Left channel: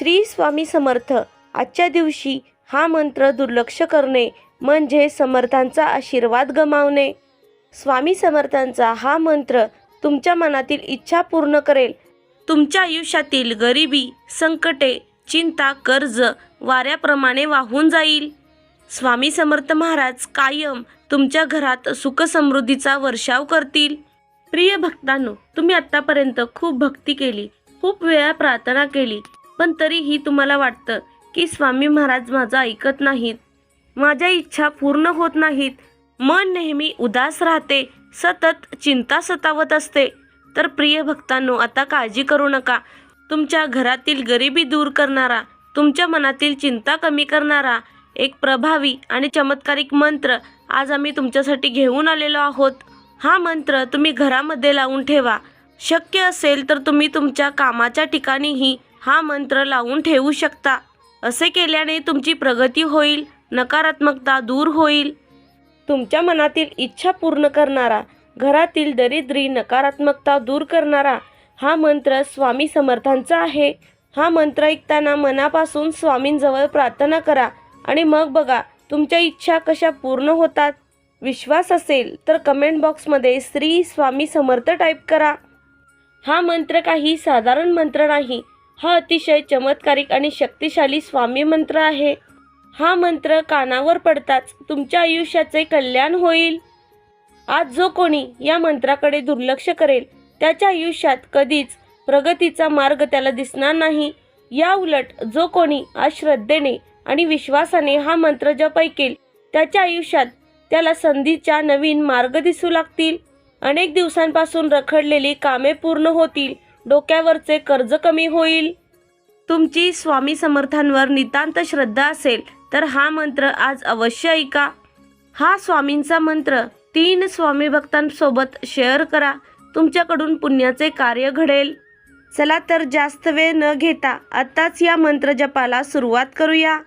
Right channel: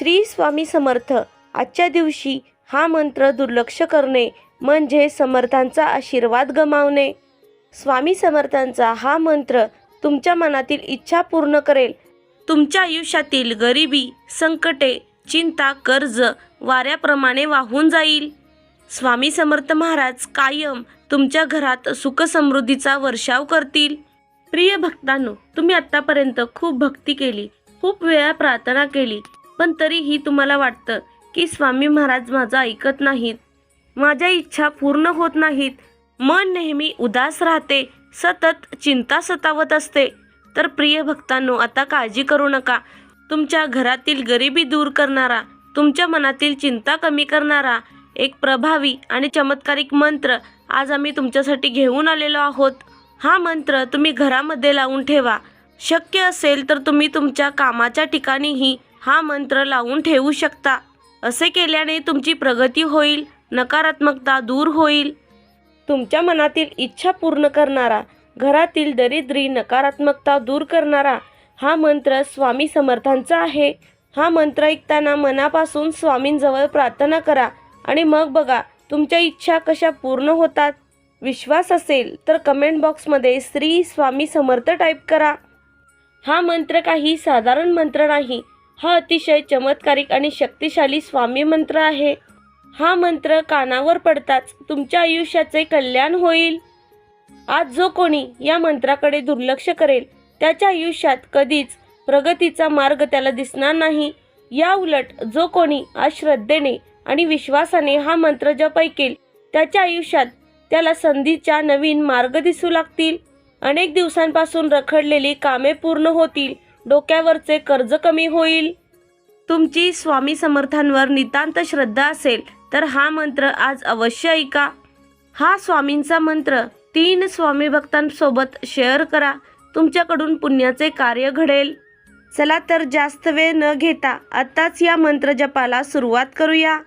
श्री स्वामी समर्थ. आजच्या दिवशी हा मंत्र दुर्लक्ष करणे म्हणजे समर्थांचा आशीर्वाद गमावणे. स्वामी समर्थांचा हा मंत्र तुमच्या मनातील इच्छा पूर्ण करेल. तुमच्या आयुष्यातील गरिबी, संकटे, चिंता, कर्ज वाऱ्याप्रमाणे वाहून जाईल. स्वामी समर्थ महाराज कायम तुमच्या घरात सुख समृद्धीचा वर्षाव करतील. प्रिय भक्तांनो, तुम्ही आतापर्यंत खूप भक्ती केली, खूप वेळा प्रार्थना केली, पण तरीही तुम्हाला वाटतं की स्वामी महाराज माझं ऐकत नाहीत, माझ्या इच्छा पूर्ण होत नाहीत, मन नेहमी उदास राहते, सतत चिंता सतावत असते. तर प्रिय भक्तांनो, आता काळजी करू नका. तुमच्या घरातील गरिबी दूर करणारा, तुमच्या मनातील चिंता कमी करणारा एक प्रभावी आणि चमत्कारिक मंत्र आज आम्ही तुमच्यासाठी घेऊन आलेलो आहोत. हा मंत्र तुम्ही घरामध्ये लावून ठेवा. शक्य असेल तर तुम्ही तुमच्या कामाच्या ठिकाणीही हा मंत्र लावून ठेवू शकता. असे केल्याने तुमची प्रगती होईल, नकारात्मकता दूर होईल. तुमच्या मनातील इच्छा पूर्ण करणारा, घरातील दरिद्री, नकारात्मकता दूर करणारा हा मंत्र स्वामी समर्थांचा आहे. हा मंत्र ऐकताना मनापासून स्वामींजवळ प्रार्थना करा आणि मग बघा तुमच्या इच्छा कशा पूर्ण होतात. विश्वास असेल तर कमेंट बॉक्समध्ये श्री स्वामी समर्थ टाईप करा. हा मंत्र काही साधारण मंत्र नाही. हा अतिशय चमत्कारिक आणि शक्तिशाली स्वामी मंत्र आहे. हा मंत्र कानावर पडताच तुमच्या आयुष्याचे कल्याण होईल. आज जो कोणी या मंत्राकडे दुर्लक्ष करेल त्याच्या आयुष्यात कधीच प्रगतीचा मार्ग त्याला दिसणार नाही. या उलट जो कोणी आज श्रद्धेने आणि विश्वासाने हा मंत्र जप ऐकेल त्याच्या आयुष्यात त्याला संधीच्या नवीन मार्ग दिसू लागतील. अनेक दिवसांपासून रखडलेली कामे पूर्ण होतील. डोक्यावरचे कर्ज कमी होईल. तुमची स्वामी समर्थांवर नितांत श्रद्धा असेल तर हा मंत्र आज अवश्य ऐका. हा स्वामींचा मंत्र 3 स्वामी भक्तांसोबत शेअर करा. तुमच्याकडून पुण्याचे कार्य घडेल. चला तर जास्त वेळ न घेता आत्ताच या मंत्र जपाला सुरुवात करूया.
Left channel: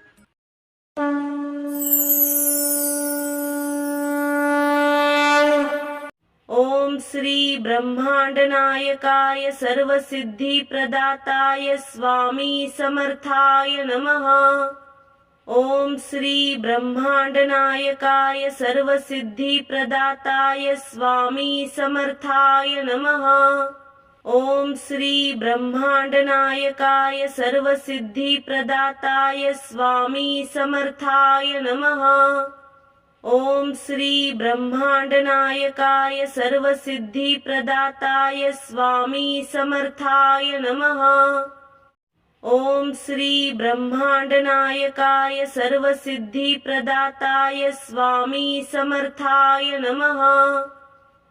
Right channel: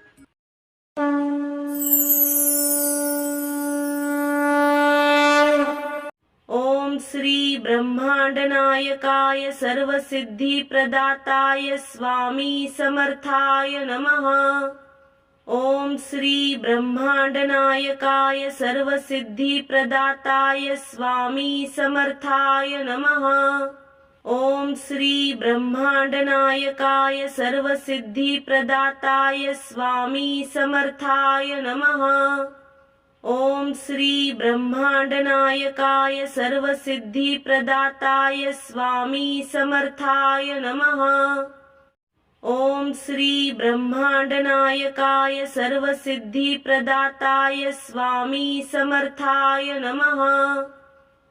ओम श्री ब्रह्मांड नायकाय सर्वसिद्धी प्रदाताय स्वामी समर्थाय नमः. ओम श्री ब्रह्मांड नायकाय सर्वसिद्धी प्रदाताय स्वामी समर्थाय नमः. ओम श्री ब्रह्मांड नायकाय सर्वसिद्धी प्रदाताय स्वामी समर्थाय नमः. ओम श्री ब्रह्मांड नायकाय सर्वसिद्धी प्रदाताय स्वामी समर्थाय नमः. ओम श्री ब्रह्मांड नायकाय सर्वसिद्धी प्रदाताय स्वामी समर्थाय नमः.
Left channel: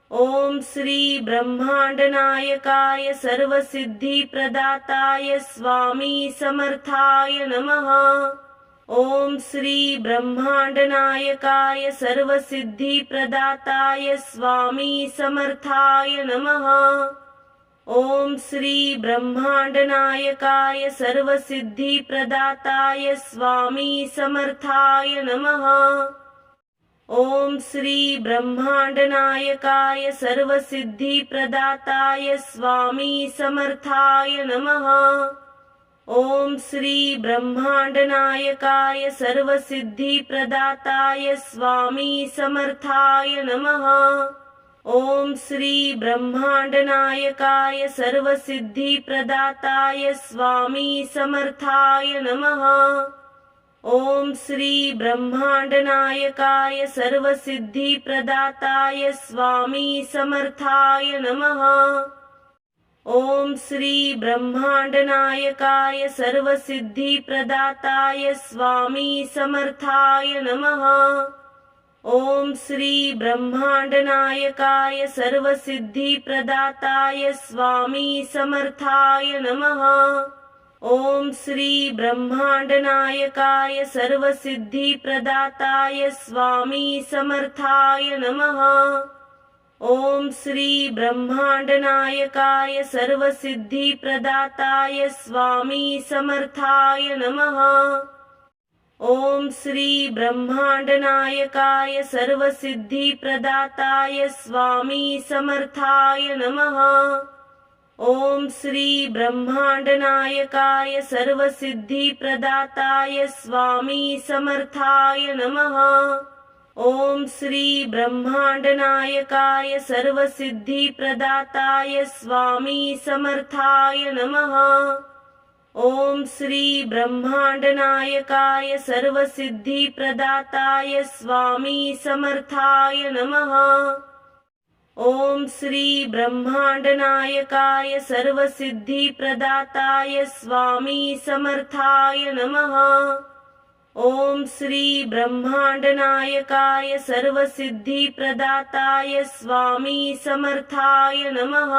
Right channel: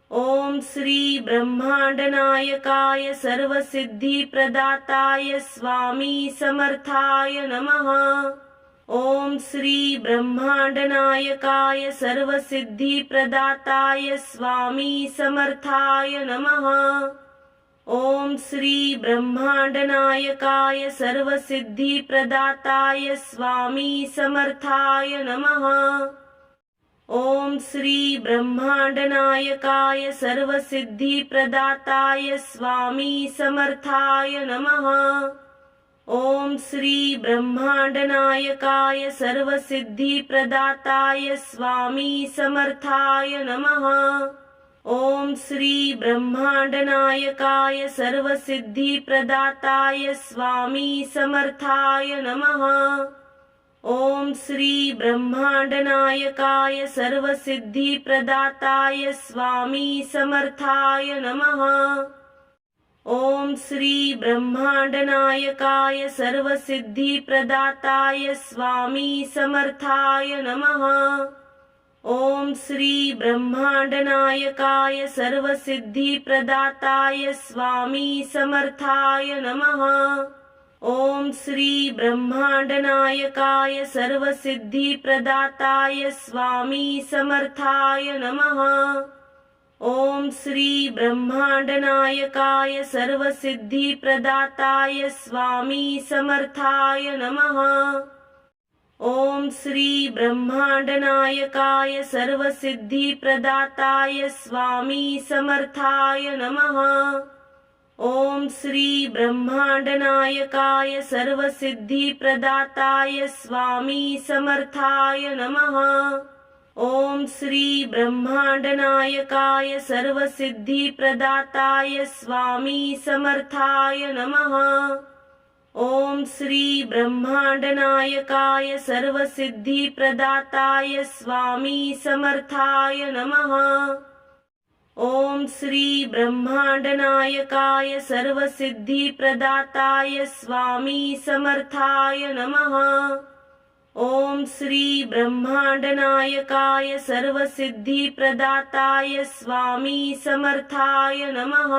ओम श्री ब्रह्मांड नायकाय सर्वसिद्धी प्रदाताय स्वामी समर्थाय नमः. ओम श्री ब्रह्मांड नायकाय सर्वसिद्धी प्रदाताय स्वामी समर्थाय नमः. ओम श्री ब्रह्मांड नायकाय सर्वसिद्धी प्रदाताय स्वामी समर्थाय नमः. ओम श्री ब्रह्मांड नायकाय सर्वसिद्धी प्रदाताय स्वामी समर्थाय नमः. ओम श्री ब्रह्मांड नायकाय सर्वसिद्धी प्रदाताय स्वामी समर्थाय नमः. ओम श्री ब्रह्मांड नायकाय सर्वसिद्धी प्रदाताय स्वामी समर्थाय नमः. ओम श्री ब्रह्मांड नायकाय सर्वसिद्धी प्रदाताय स्वामी समर्थाय नमः. ओम श्री ब्रह्मांड नायकाय सर्वसिद्धी प्रदाताय स्वामी समर्थाय नमः. ओम श्री ब्रह्मांड नायकाय सर्वसिद्धी प्रदाताय स्वामी समर्थाय नमः. ओम श्री ब्रह्मांड नायकाय सर्वसिद्धी प्रदाताय स्वामी समर्थाय नमः. ओम श्री ब्रह्मांड नायकाय सर्वसिद्धी प्रदाताय स्वामी समर्थाय नमः. ओम श्री ब्रह्मांड नायकाय सर्वसिद्धी प्रदाताय स्वामी समर्थाय नमः. ओम श्री ब्रह्मांडनायकाय सर्वसिद्धिप्रदाताय स्वामी समर्थाय नमः। ओम श्री ब्रह्मांडनायकाय सर्वसिद्धिप्रदाताय स्वामी समर्थाय नमः। ओम श्री ब्रह्मांडनायकाय सर्वसिद्धिप्रदाताय स्वामी समर्थाय नमः। ओम श्री ब्रह्मांडनायकाय सर्वसिद्धिप्रदाताय स्वामी समर्थाय नमः। ओम श्री ब्रह्मांडनायकाय सर्वसिद्धिप्रदाताय स्वामी समर्थाय नमः।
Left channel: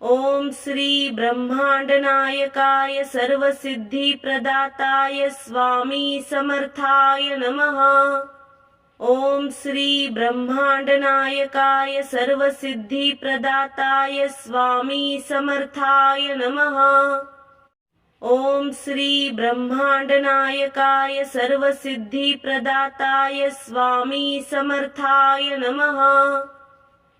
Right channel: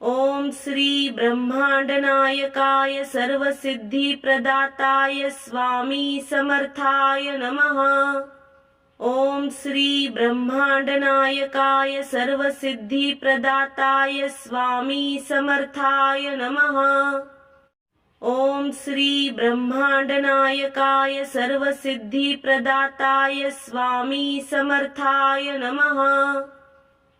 ओम श्री ब्रह्मांडनायकाय सर्वसिद्धिप्रदाताय स्वामी समर्थाय नमः। ओम श्री ब्रह्मांडनायकाय सर्वसिद्धिप्रदाताय स्वामी समर्थाय नमः। ओम श्री ब्रह्मांडनायकाय सर्वसिद्धिप्रदाताय स्वामी समर्थाय नमः।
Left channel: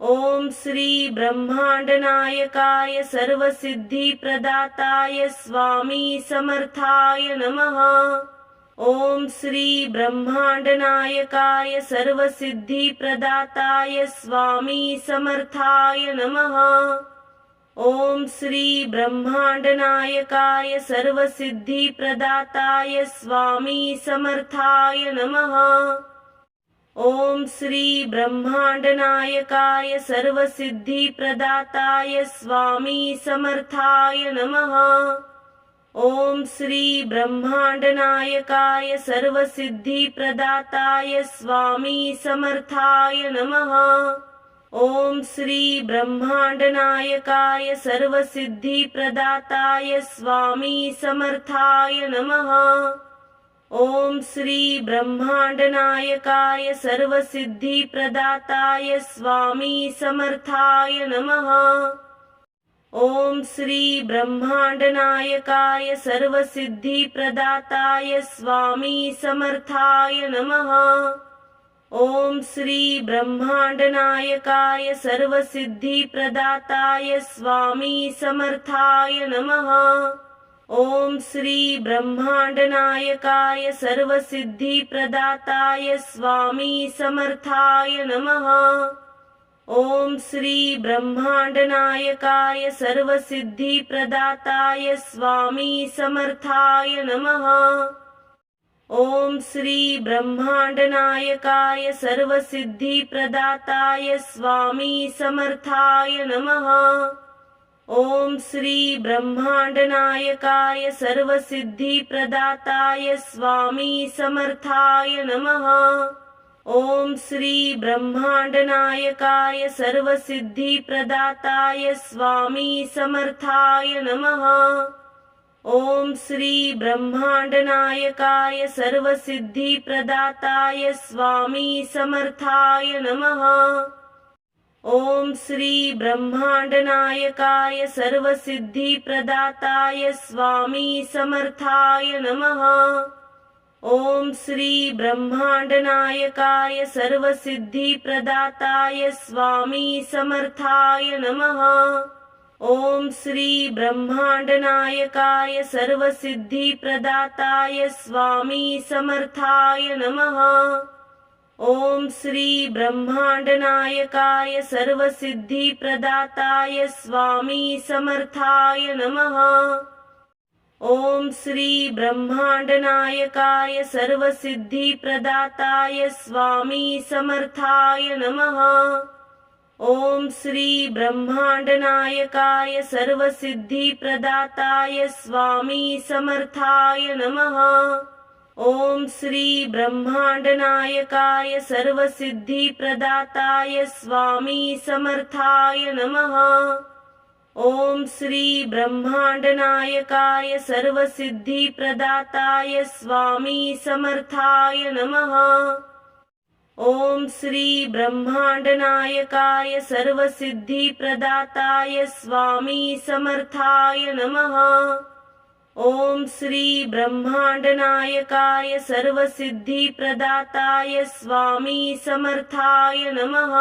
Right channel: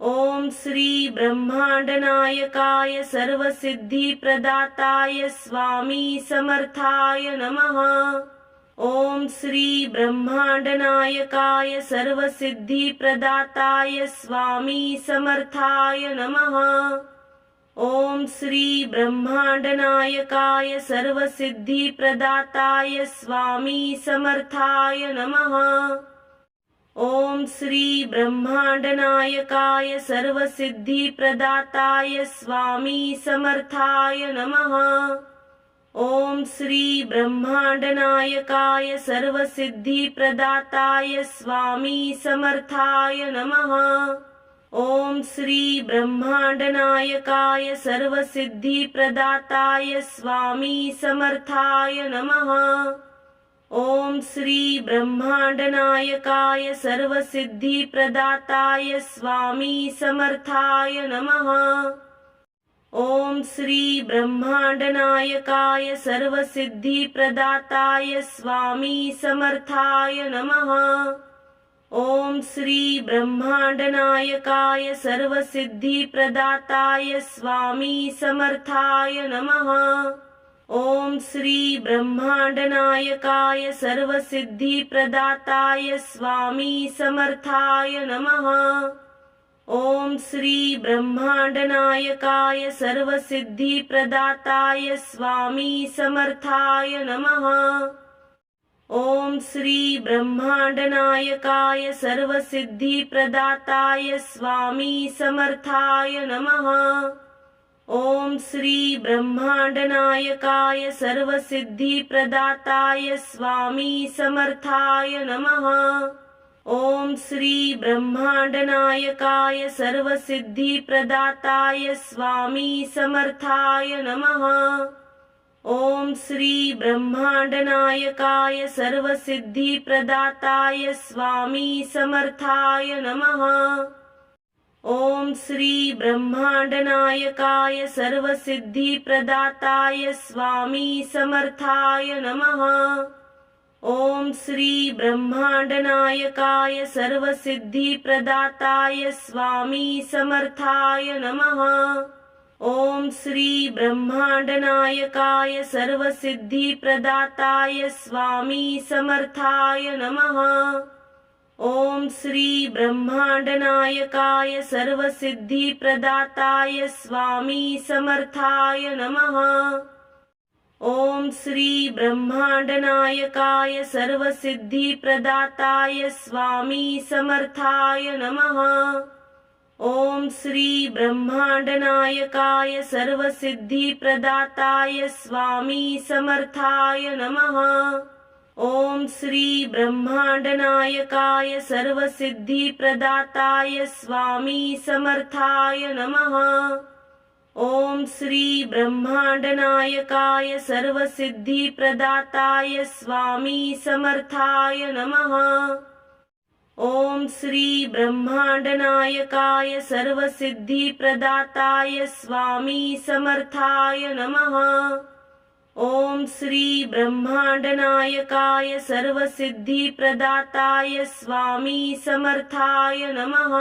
ओम श्री ब्रह्मांडनायकाय सर्वसिद्धिप्रदाताय स्वामी समर्थाय नमः। ओम श्री ब्रह्मांडनायकाय सर्वसिद्धिप्रदाताय स्वामी समर्थाय नमः। ओम श्री ब्रह्मांडनायकाय सर्वसिद्धिप्रदाताय स्वामी समर्थाय नमः। ओम श्री ब्रह्मांडनायकाय सर्वसिद्धिप्रदाताय स्वामी समर्थाय नमः। ओम श्री ब्रह्मांडनायकाय सर्वसिद्धिप्रदाताय स्वामी समर्थाय नमः। ओम श्री ब्रह्मांडनायकाय सर्वसिद्धिप्रदाताय स्वामी समर्थाय नमः। ओम श्री ब्रह्मांडनायकाय सर्वसिद्धिप्रदाताय स्वामी समर्थाय नमः। ओम श्री ब्रह्मांडनायकाय सर्वसिद्धिप्रदाताय स्वामी समर्थाय नमः। ओम श्री ब्रह्मांडनायकाय सर्वसिद्धिप्रदाताय स्वामी समर्थाय नमः। ओम श्री ब्रह्मांडनायकाय सर्वसिद्धिप्रदाताय स्वामी समर्थाय नमः। ओम श्री ब्रह्मांडनायकाय सर्वसिद्धिप्रदाताय स्वामी समर्थाय नमः। ओम श्री ब्रह्मांडनायकाय सर्वसिद्धिप्रदाताय स्वामी समर्थाय नमः। ओम श्री ब्रह्मांडनायकाय सर्वसिद्धिप्रदाताय स्वामी समर्थाय नमः। ओम श्री ब्रह्मांडनायकाय सर्वसिद्धिप्रदाताय स्वामी समर्थाय नमः। ओम श्री ब्रह्मांडनायकाय सर्वसिद्धिप्रदाताय स्वामी समर्थाय नमः। ओम श्री ब्रह्मांडनायकाय सर्वसिद्धिप्रदाताय स्वामी समर्थाय नमः। ओम श्री ब्रह्मांडनायकाय सर्वसिद्धिप्रदाताय स्वामी समर्थाय नमः। ओम श्री ब्रह्मांडनायकाय सर्वसिद्धिप्रदाताय स्वामी समर्थाय नमः। ओम श्री ब्रह्मांडनायकाय सर्वसिद्धिप्रदाताय स्वामी समर्थाय नमः। ओम श्री ब्रह्मांडनायकाय सर्वसिद्धिप्रदाताय स्वामी समर्थाय नमः। ओम श्री ब्रह्मांडनायकाय सर्वसिद्धिप्रदाताय स्वामी समर्थाय नमः। ओम श्री ब्रह्मांडनायकाय सर्वसिद्धिप्रदाताय स्वामी समर्थाय नमः। ओम श्री ब्रह्मांडनायकाय सर्वसिद्धिप्रदाताय स्वामी समर्थाय नमः। ओम श्री ब्रह्मांडनायकाय सर्वसिद्धिप्रदाताय स्वामी समर्थाय नमः। ओम श्री ब्रह्मांडनायकाय सर्वसिद्धिप्रदाताय स्वामी समर्थाय नमः।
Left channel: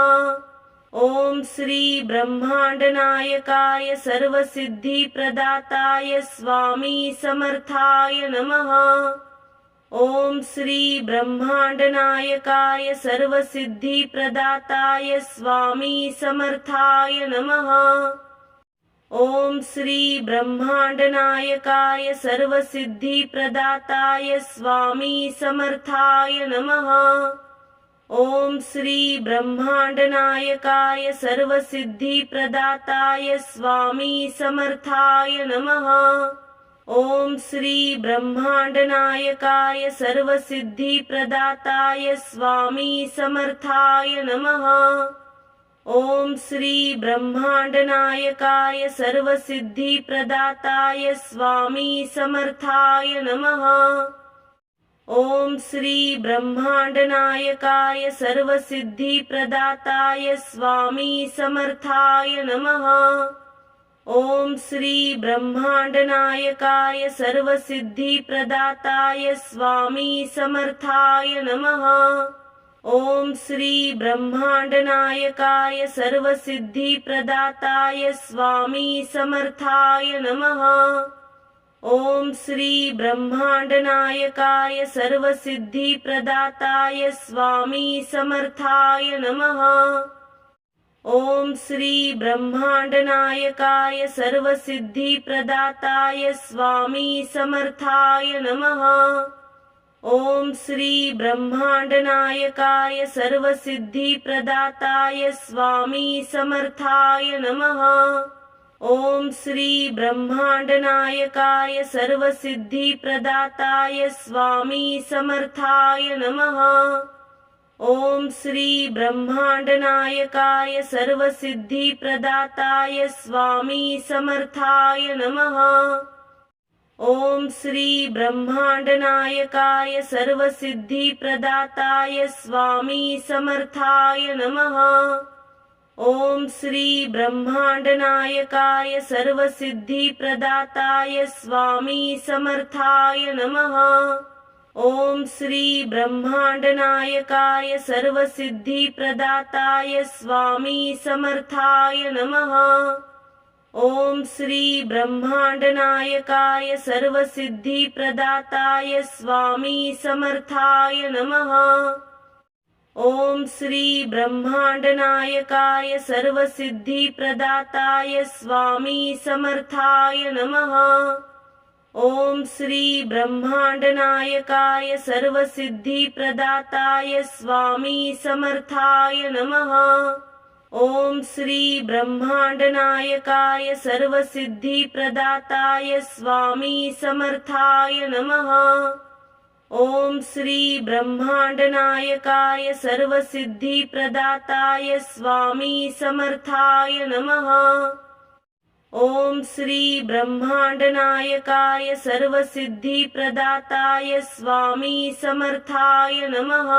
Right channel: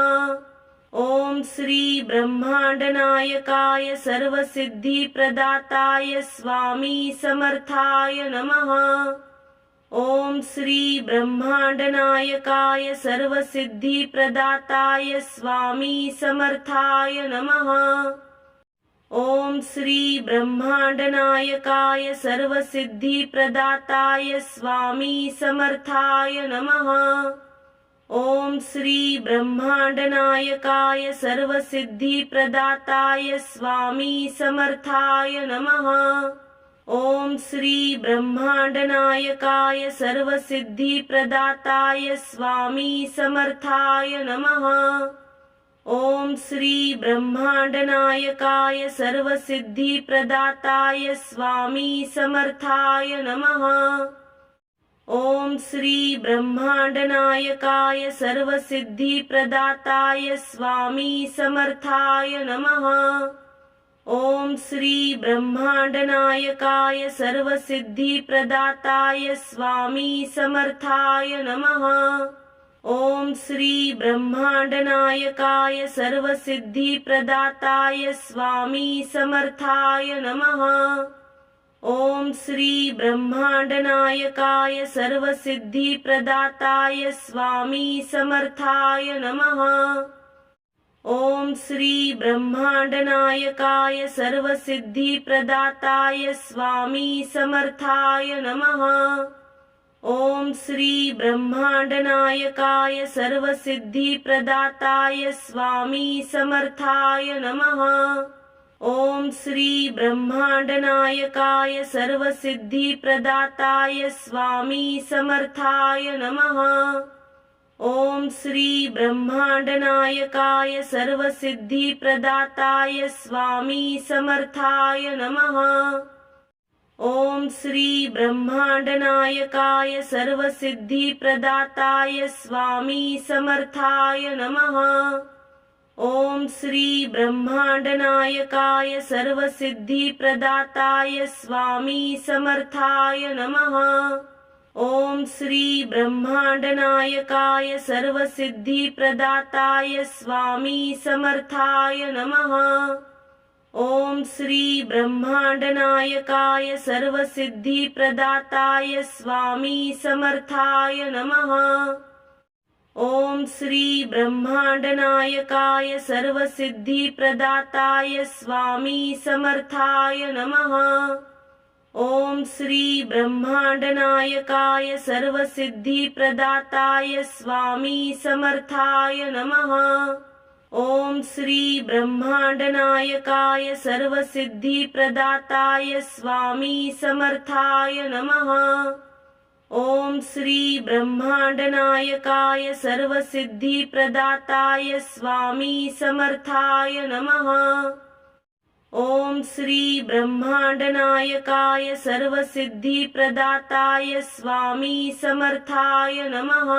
ओम श्री ब्रह्मांडनायकाय सर्वसिद्धिप्रदाताय स्वामी समर्थाय नमः। ओम श्री ब्रह्मांडनायकाय सर्वसिद्धिप्रदाताय स्वामी समर्थाय नमः। ओम श्री ब्रह्मांडनायकाय सर्वसिद्धिप्रदाताय स्वामी समर्थाय नमः। ओम श्री ब्रह्मांडनायकाय सर्वसिद्धिप्रदाताय स्वामी समर्थाय नमः। ओम श्री ब्रह्मांडनायकाय सर्वसिद्धिप्रदाताय स्वामी समर्थाय नमः। ओम श्री ब्रह्मांडनायकाय सर्वसिद्धिप्रदाताय स्वामी समर्थाय नमः। ओम श्री ब्रह्मांडनायकाय सर्वसिद्धिप्रदाताय स्वामी समर्थाय नमः। ओम श्री ब्रह्मांडनायकाय सर्वसिद्धिप्रदाताय स्वामी समर्थाय नमः। ओम श्री ब्रह्मांडनायकाय सर्वसिद्धिप्रदाताय स्वामी समर्थाय नमः। ओम श्री ब्रह्मांडनायकाय सर्वसिद्धिप्रदाताय स्वामी समर्थाय नमः। ओम श्री ब्रह्मांडनायकाय सर्वसिद्धिप्रदाताय स्वामी समर्थाय नमः। ओम श्री ब्रह्मांडनायकाय सर्वसिद्धिप्रदाताय स्वामी समर्थाय नमः। ओम श्री ब्रह्मांडनायकाय सर्वसिद्धिप्रदाताय स्वामी समर्थाय नमः। ओम श्री ब्रह्मांडनायकाय सर्वसिद्धिप्रदाताय स्वामी समर्थाय नमः। ओम श्री ब्रह्मांडनायकाय सर्वसिद्धिप्रदाताय स्वामी समर्थाय नमः। ओम श्री ब्रह्मांडनायकाय सर्वसिद्धिप्रदाताय स्वामी समर्थाय नमः। ओम श्री ब्रह्मांडनायकाय सर्वसिद्धिप्रदाताय स्वामी समर्थाय नमः। ओम श्री ब्रह्मांडनायकाय सर्वसिद्धिप्रदाताय स्वामी समर्थाय नमः। ओम श्री ब्रह्मांडनायकाय सर्वसिद्धिप्रदाताय स्वामी समर्थाय नमः। ओम श्री ब्रह्मांडनायकाय सर्वसिद्धिप्रदाताय स्वामी समर्थाय नमः। ओम श्री ब्रह्मांडनायकाय सर्वसिद्धिप्रदाताय स्वामी समर्थाय नमः। ओम श्री ब्रह्मांडनायकाय सर्वसिद्धिप्रदाताय स्वामी समर्थाय नमः। ओम श्री ब्रह्मांडनायकाय सर्वसिद्धिप्रदाताय स्वामी समर्थाय नमः।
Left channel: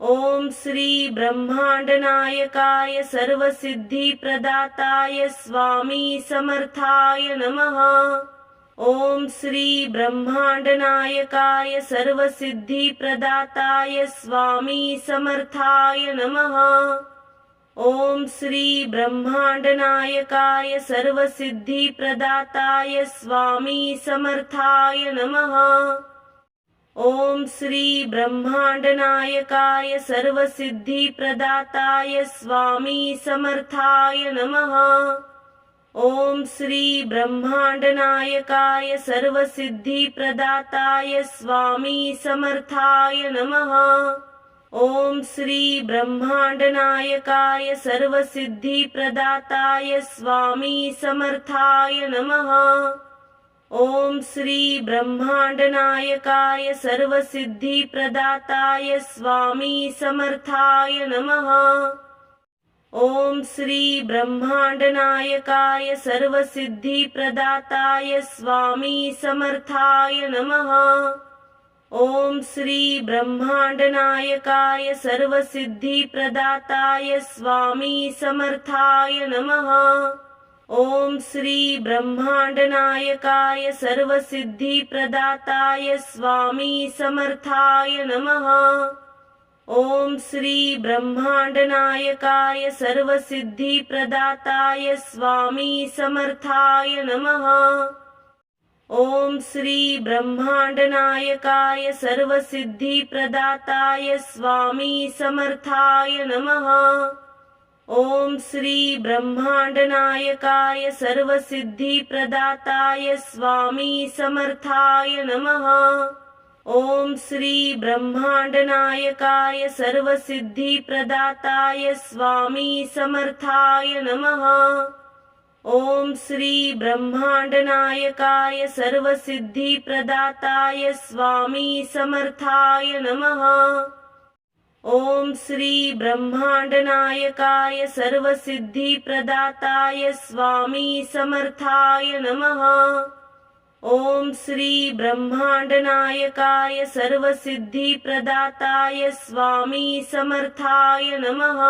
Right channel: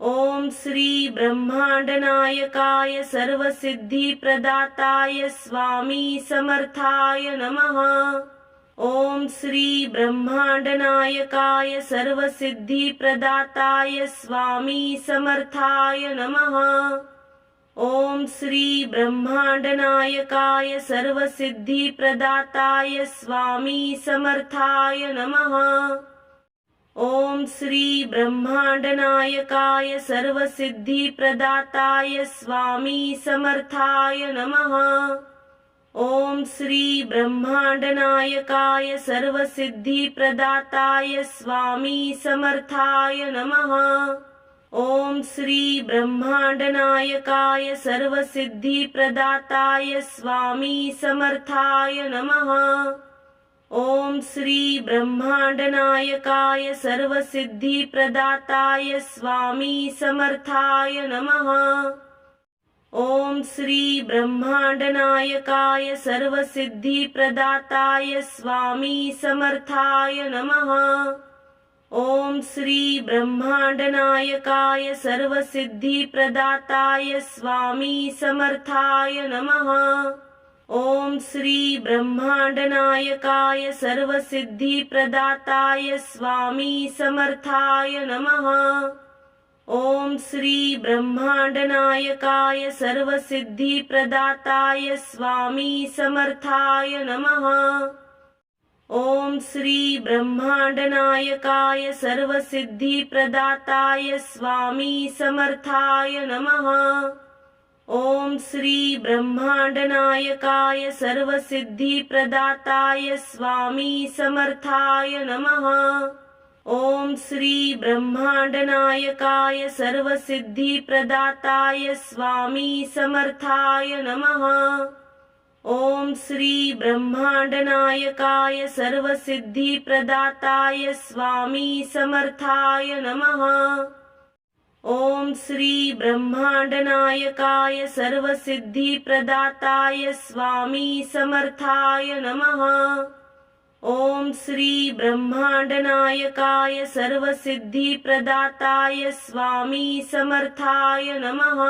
ओम श्री ब्रह्मांडनायकाय सर्वसिद्धिप्रदाताय स्वामी समर्थाय नमः। ओम श्री ब्रह्मांडनायकाय सर्वसिद्धिप्रदाताय स्वामी समर्थाय नमः। ओम श्री ब्रह्मांडनायकाय सर्वसिद्धिप्रदाताय स्वामी समर्थाय नमः। ओम श्री ब्रह्मांडनायकाय सर्वसिद्धिप्रदाताय स्वामी समर्थाय नमः। ओम श्री ब्रह्मांडनायकाय सर्वसिद्धिप्रदाताय स्वामी समर्थाय नमः। ओम श्री ब्रह्मांडनायकाय सर्वसिद्धिप्रदाताय स्वामी समर्थाय नमः। ओम श्री ब्रह्मांडनायकाय सर्वसिद्धिप्रदाताय स्वामी समर्थाय नमः। ओम श्री ब्रह्मांडनायकाय सर्वसिद्धिप्रदाताय स्वामी समर्थाय नमः। ओम श्री ब्रह्मांडनायकाय सर्वसिद्धिप्रदाताय स्वामी समर्थाय नमः। ओम श्री ब्रह्मांडनायकाय सर्वसिद्धिप्रदाताय स्वामी समर्थाय नमः। ओम श्री ब्रह्मांडनायकाय सर्वसिद्धिप्रदाताय स्वामी समर्थाय नमः। ओम श्री ब्रह्मांडनायकाय सर्वसिद्धिप्रदाताय स्वामी समर्थाय नमः। ओम श्री ब्रह्मांडनायकाय सर्वसिद्धिप्रदाताय स्वामी समर्थाय नमः। ओम श्री ब्रह्मांडनायकाय सर्वसिद्धिप्रदाताय स्वामी समर्थाय नमः। ओम श्री ब्रह्मांडनायकाय सर्वसिद्धिप्रदाताय स्वामी समर्थाय नमः। ओम श्री ब्रह्मांडनायकाय सर्वसिद्धिप्रदाताय स्वामी समर्थाय नमः। ओम श्री ब्रह्मांडनायकाय सर्वसिद्धिप्रदाताय स्वामी समर्थाय नमः।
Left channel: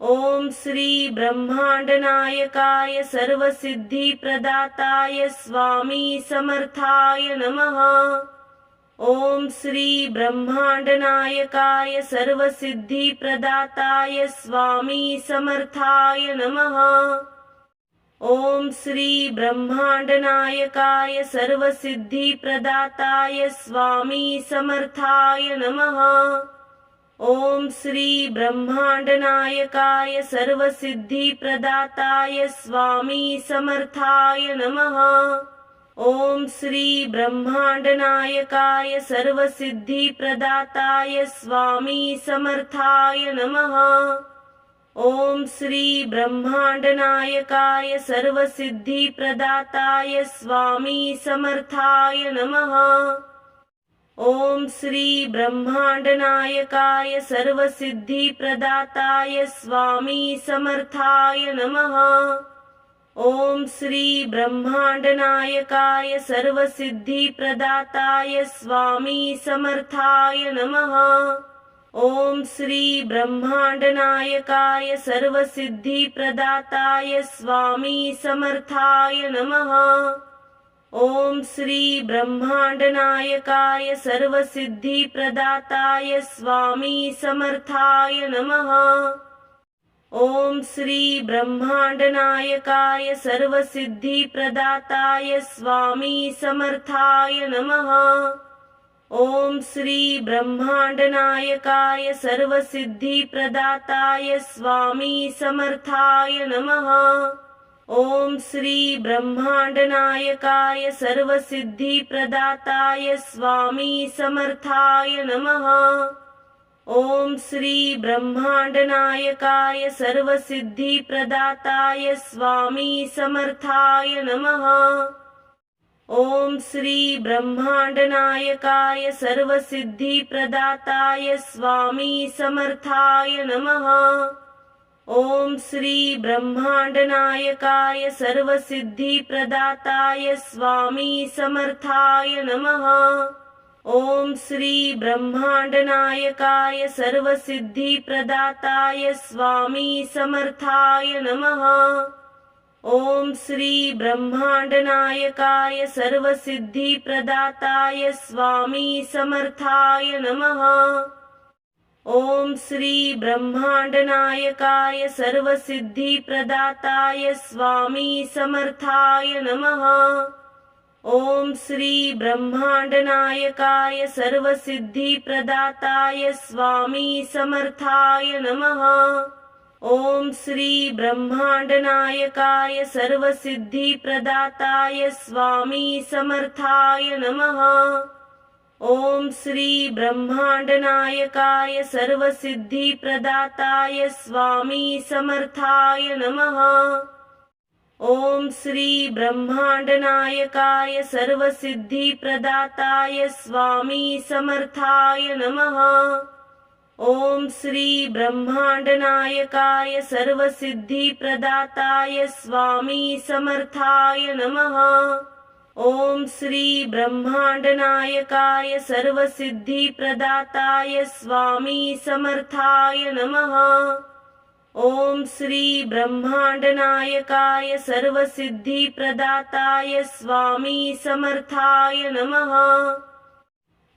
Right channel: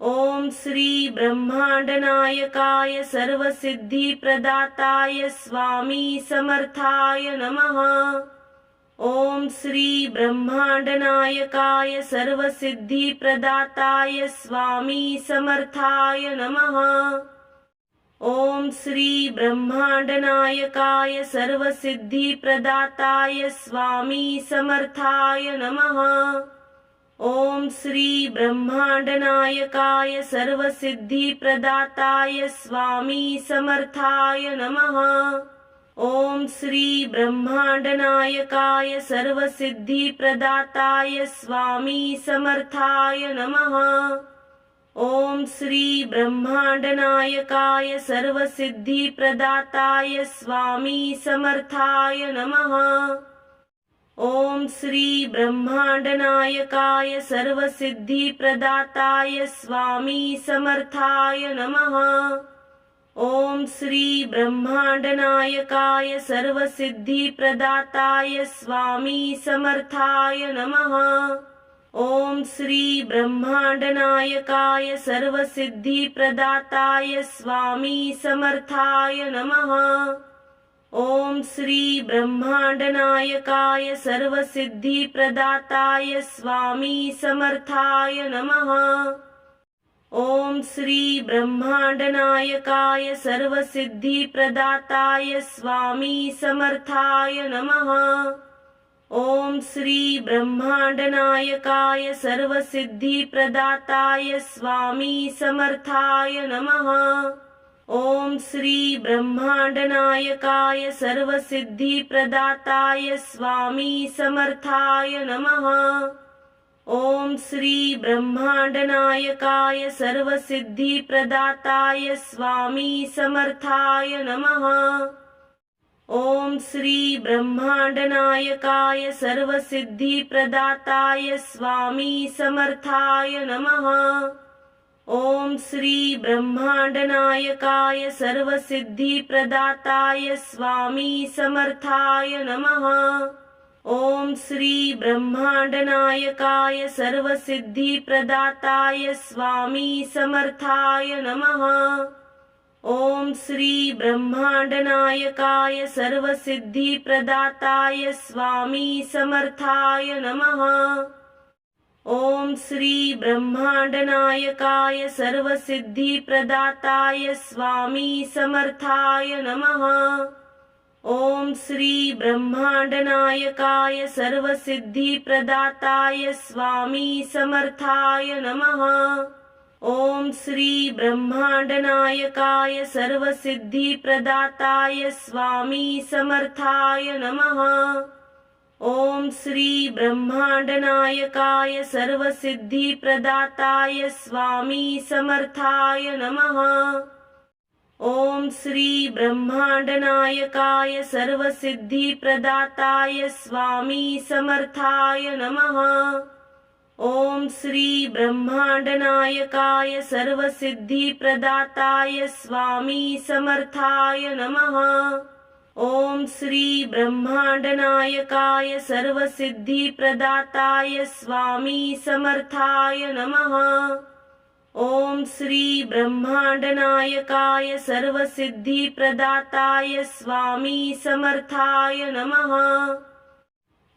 ओम श्री ब्रह्मांडनायकाय सर्वसिद्धिप्रदाताय स्वामी समर्थाय नमः। ओम श्री ब्रह्मांडनायकाय सर्वसिद्धिप्रदाताय स्वामी समर्थाय नमः। ओम श्री ब्रह्मांडनायकाय सर्वसिद्धिप्रदाताय स्वामी समर्थाय नमः। ओम श्री ब्रह्मांडनायकाय सर्वसिद्धिप्रदाताय स्वामी समर्थाय नमः। ओम श्री ब्रह्मांडनायकाय सर्वसिद्धिप्रदाताय स्वामी समर्थाय नमः। ओम श्री ब्रह्मांडनायकाय सर्वसिद्धिप्रदाताय स्वामी समर्थाय नमः। ओम श्री ब्रह्मांडनायकाय सर्वसिद्धिप्रदाताय स्वामी समर्थाय नमः। ओम श्री ब्रह्मांडनायकाय सर्वसिद्धिप्रदाताय स्वामी समर्थाय नमः। ओम श्री ब्रह्मांडनायकाय सर्वसिद्धिप्रदाताय स्वामी समर्थाय नमः। ओम श्री ब्रह्मांडनायकाय सर्वसिद्धिप्रदाताय स्वामी समर्थाय नमः। ओम श्री ब्रह्मांडनायकाय सर्वसिद्धिप्रदाताय स्वामी समर्थाय नमः। ओम श्री ब्रह्मांडनायकाय सर्वसिद्धिप्रदाताय स्वामी समर्थाय नमः। ओम श्री ब्रह्मांडनायकाय सर्वसिद्धिप्रदाताय स्वामी समर्थाय नमः। ओम श्री ब्रह्मांडनायकाय सर्वसिद्धिप्रदाताय स्वामी समर्थाय नमः। ओम श्री ब्रह्मांडनायकाय सर्वसिद्धिप्रदाताय स्वामी समर्थाय नमः। ओम श्री ब्रह्मांडनायकाय सर्वसिद्धिप्रदाताय स्वामी समर्थाय नमः। ओम श्री ब्रह्मांडनायकाय सर्वसिद्धिप्रदाताय स्वामी समर्थाय नमः। ओम श्री ब्रह्मांडनायकाय सर्वसिद्धिप्रदाताय स्वामी समर्थाय नमः। ओम श्री ब्रह्मांडनायकाय सर्वसिद्धिप्रदाताय स्वामी समर्थाय नमः। ओम श्री ब्रह्मांडनायकाय सर्वसिद्धिप्रदाताय स्वामी समर्थाय नमः। ओम श्री ब्रह्मांडनायकाय सर्वसिद्धिप्रदाताय स्वामी समर्थाय नमः। ओम श्री ब्रह्मांडनायकाय सर्वसिद्धिप्रदाताय स्वामी समर्थाय नमः। ओम श्री ब्रह्मांडनायकाय सर्वसिद्धिप्रदाताय स्वामी समर्थाय नमः। ओम श्री ब्रह्मांडनायकाय सर्वसिद्धिप्रदाताय स्वामी समर्थाय नमः। ओम श्री ब्रह्मांडनायकाय सर्वसिद्धिप्रदाताय स्वामी समर्थाय नमः। ओम श्री ब्रह्मांडनायकाय सर्वसिद्धिप्रदाताय स्वामी समर्थाय नमः।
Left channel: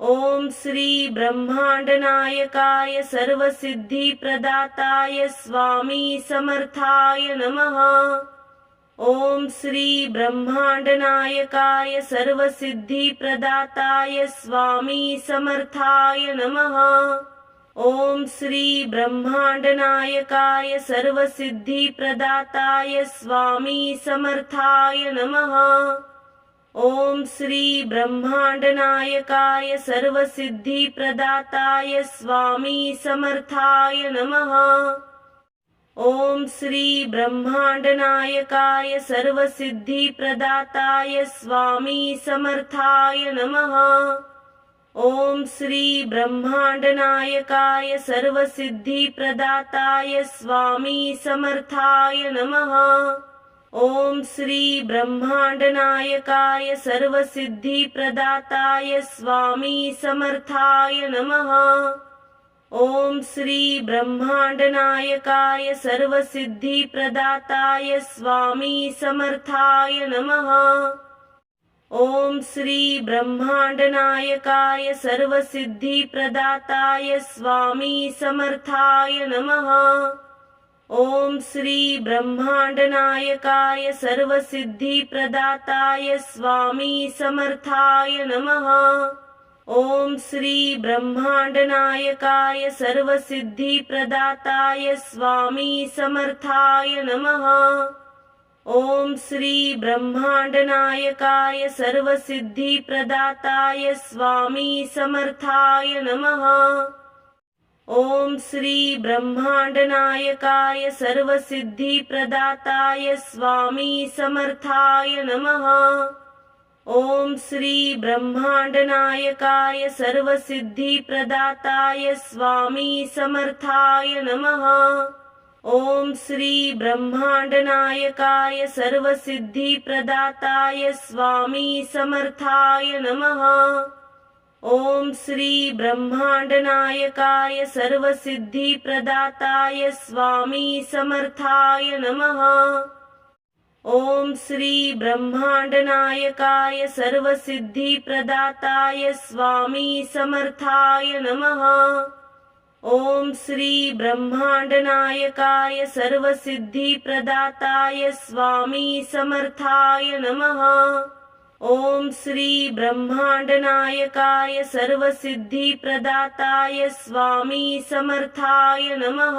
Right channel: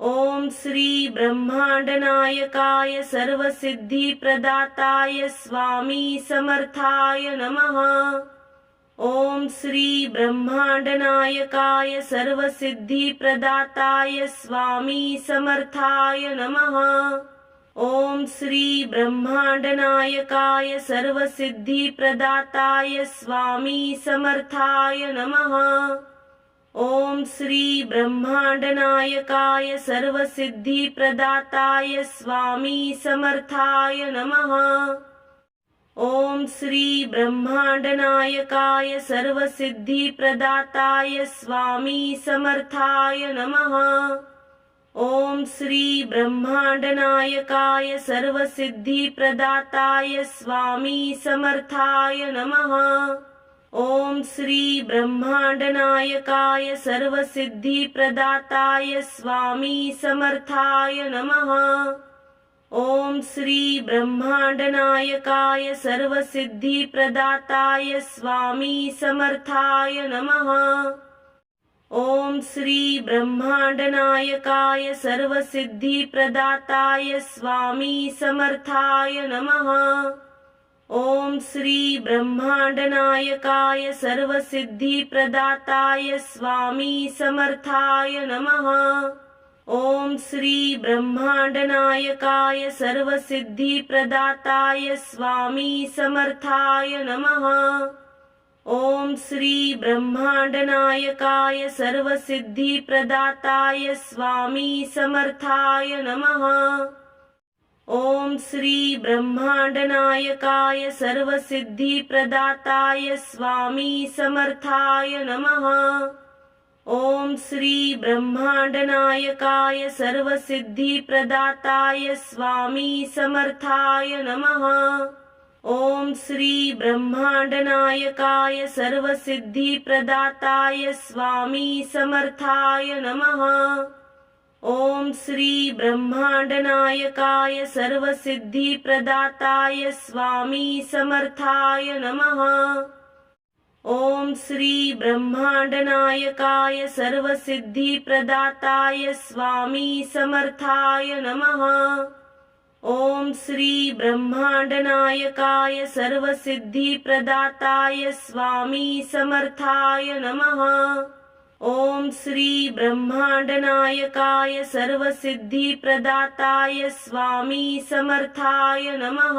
ओम श्री ब्रह्मांडनायकाय सर्वसिद्धिप्रदाताय स्वामी समर्थाय नमः। ओम श्री ब्रह्मांडनायकाय सर्वसिद्धिप्रदाताय स्वामी समर्थाय नमः। ओम श्री ब्रह्मांडनायकाय सर्वसिद्धिप्रदाताय स्वामी समर्थाय नमः। ओम श्री ब्रह्मांडनायकाय सर्वसिद्धिप्रदाताय स्वामी समर्थाय नमः। ओम श्री ब्रह्मांडनायकाय सर्वसिद्धिप्रदाताय स्वामी समर्थाय नमः। ओम श्री ब्रह्मांडनायकाय सर्वसिद्धिप्रदाताय स्वामी समर्थाय नमः। ओम श्री ब्रह्मांडनायकाय सर्वसिद्धिप्रदाताय स्वामी समर्थाय नमः। ओम श्री ब्रह्मांडनायकाय सर्वसिद्धिप्रदाताय स्वामी समर्थाय नमः। ओम श्री ब्रह्मांडनायकाय सर्वसिद्धिप्रदाताय स्वामी समर्थाय नमः। ओम श्री ब्रह्मांडनायकाय सर्वसिद्धिप्रदाताय स्वामी समर्थाय नमः। ओम श्री ब्रह्मांडनायकाय सर्वसिद्धिप्रदाताय स्वामी समर्थाय नमः। ओम श्री ब्रह्मांडनायकाय सर्वसिद्धिप्रदाताय स्वामी समर्थाय नमः। ओम श्री ब्रह्मांडनायकाय सर्वसिद्धिप्रदाताय स्वामी समर्थाय नमः। ओम श्री ब्रह्मांडनायकाय सर्वसिद्धिप्रदाताय स्वामी समर्थाय नमः। ओम श्री ब्रह्मांडनायकाय सर्वसिद्धिप्रदाताय स्वामी समर्थाय नमः। ओम श्री ब्रह्मांडनायकाय सर्वसिद्धिप्रदाताय स्वामी समर्थाय नमः। ओम श्री ब्रह्मांडनायकाय सर्वसिद्धिप्रदाताय स्वामी समर्थाय नमः। ओम श्री ब्रह्मांडनायकाय सर्वसिद्धिप्रदाताय स्वामी समर्थाय नमः। ओम श्री ब्रह्मांडनायकाय सर्वसिद्धिप्रदाताय स्वामी समर्थाय नमः।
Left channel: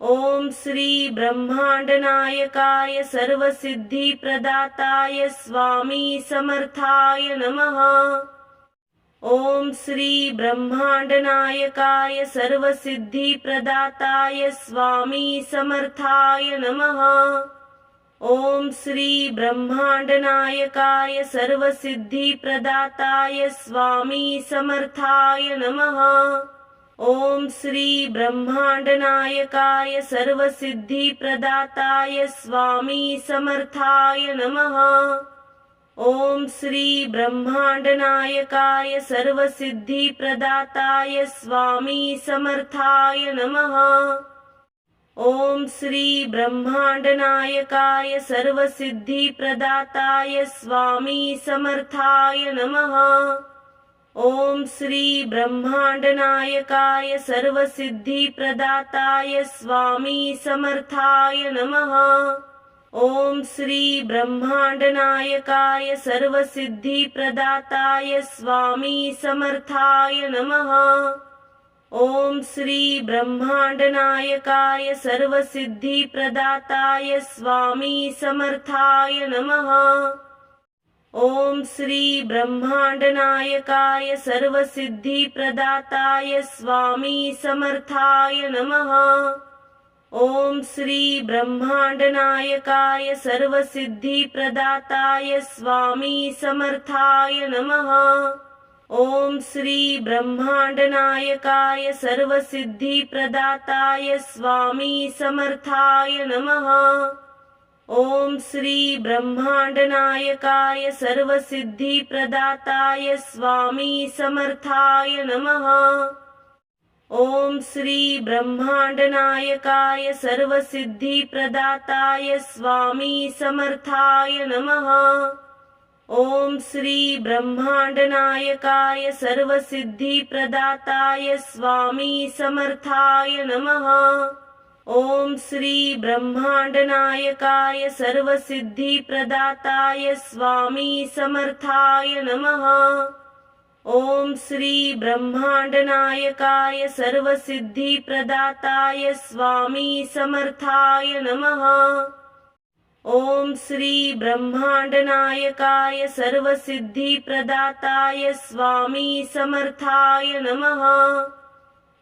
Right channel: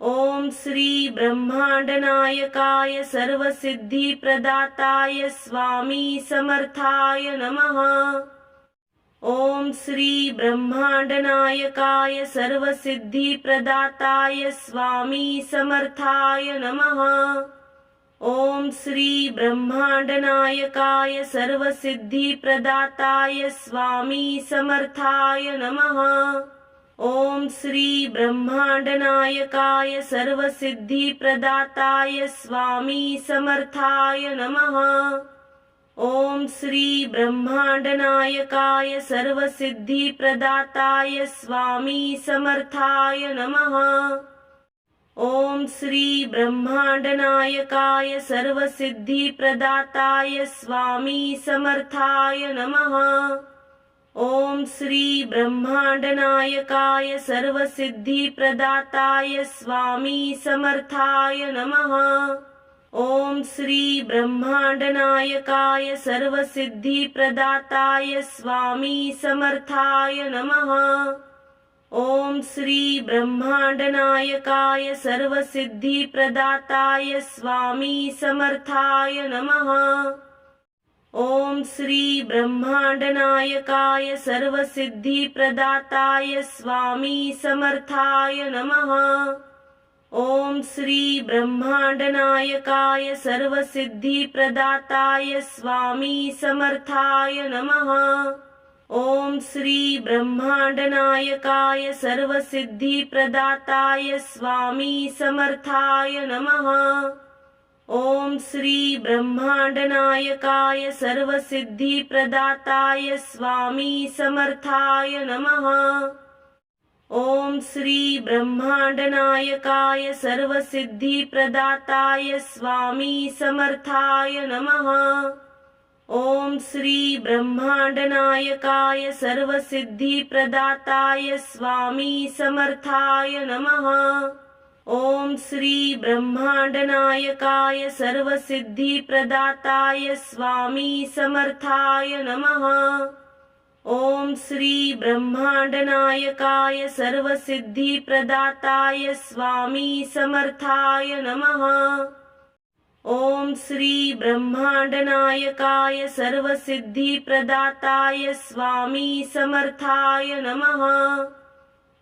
ओम श्री ब्रह्मांडनायकाय सर्वसिद्धिप्रदाताय स्वामी समर्थाय नमः। ओम श्री ब्रह्मांडनायकाय सर्वसिद्धिप्रदाताय स्वामी समर्थाय नमः। ओम श्री ब्रह्मांडनायकाय सर्वसिद्धिप्रदाताय स्वामी समर्थाय नमः। ओम श्री ब्रह्मांडनायकाय सर्वसिद्धिप्रदाताय स्वामी समर्थाय नमः। ओम श्री ब्रह्मांडनायकाय सर्वसिद्धिप्रदाताय स्वामी समर्थाय नमः। ओम श्री ब्रह्मांडनायकाय सर्वसिद्धिप्रदाताय स्वामी समर्थाय नमः। ओम श्री ब्रह्मांडनायकाय सर्वसिद्धिप्रदाताय स्वामी समर्थाय नमः। ओम श्री ब्रह्मांडनायकाय सर्वसिद्धिप्रदाताय स्वामी समर्थाय नमः। ओम श्री ब्रह्मांडनायकाय सर्वसिद्धिप्रदाताय स्वामी समर्थाय नमः। ओम श्री ब्रह्मांडनायकाय सर्वसिद्धिप्रदाताय स्वामी समर्थाय नमः। ओम श्री ब्रह्मांडनायकाय सर्वसिद्धिप्रदाताय स्वामी समर्थाय नमः। ओम श्री ब्रह्मांडनायकाय सर्वसिद्धिप्रदाताय स्वामी समर्थाय नमः। ओम श्री ब्रह्मांडनायकाय सर्वसिद्धिप्रदाताय स्वामी समर्थाय नमः। ओम श्री ब्रह्मांडनायकाय सर्वसिद्धिप्रदाताय स्वामी समर्थाय नमः। ओम श्री ब्रह्मांडनायकाय सर्वसिद्धिप्रदाताय स्वामी समर्थाय नमः। ओम श्री ब्रह्मांडनायकाय सर्वसिद्धिप्रदाताय स्वामी समर्थाय नमः। ओम श्री ब्रह्मांडनायकाय सर्वसिद्धिप्रदाताय स्वामी समर्थाय नमः। ओम श्री ब्रह्मांडनायकाय सर्वसिद्धिप्रदाताय स्वामी समर्थाय नमः।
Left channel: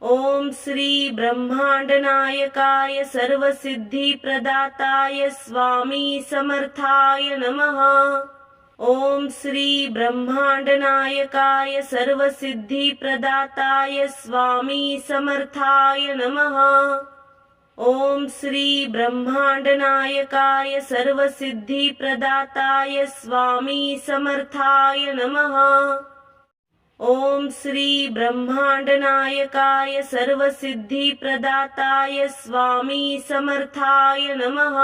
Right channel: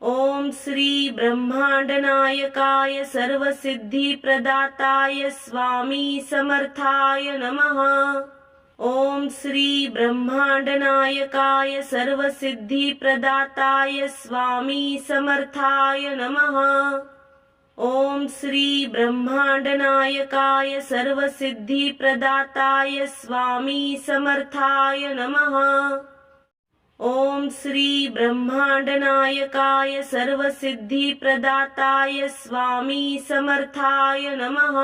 ओम श्री ब्रह्मांडनायकाय सर्वसिद्धिप्रदाताय स्वामी समर्थाय नमः। ओम श्री ब्रह्मांडनायकाय सर्वसिद्धिप्रदाताय स्वामी समर्थाय नमः। ओम श्री ब्रह्मांडनायकाय सर्वसिद्धिप्रदाताय स्वामी समर्थाय नमः। ओम श्री ब्रह्मांडनायकाय सर्वसिद्धिप्रदाताय स्वामी समर्थाय नमः।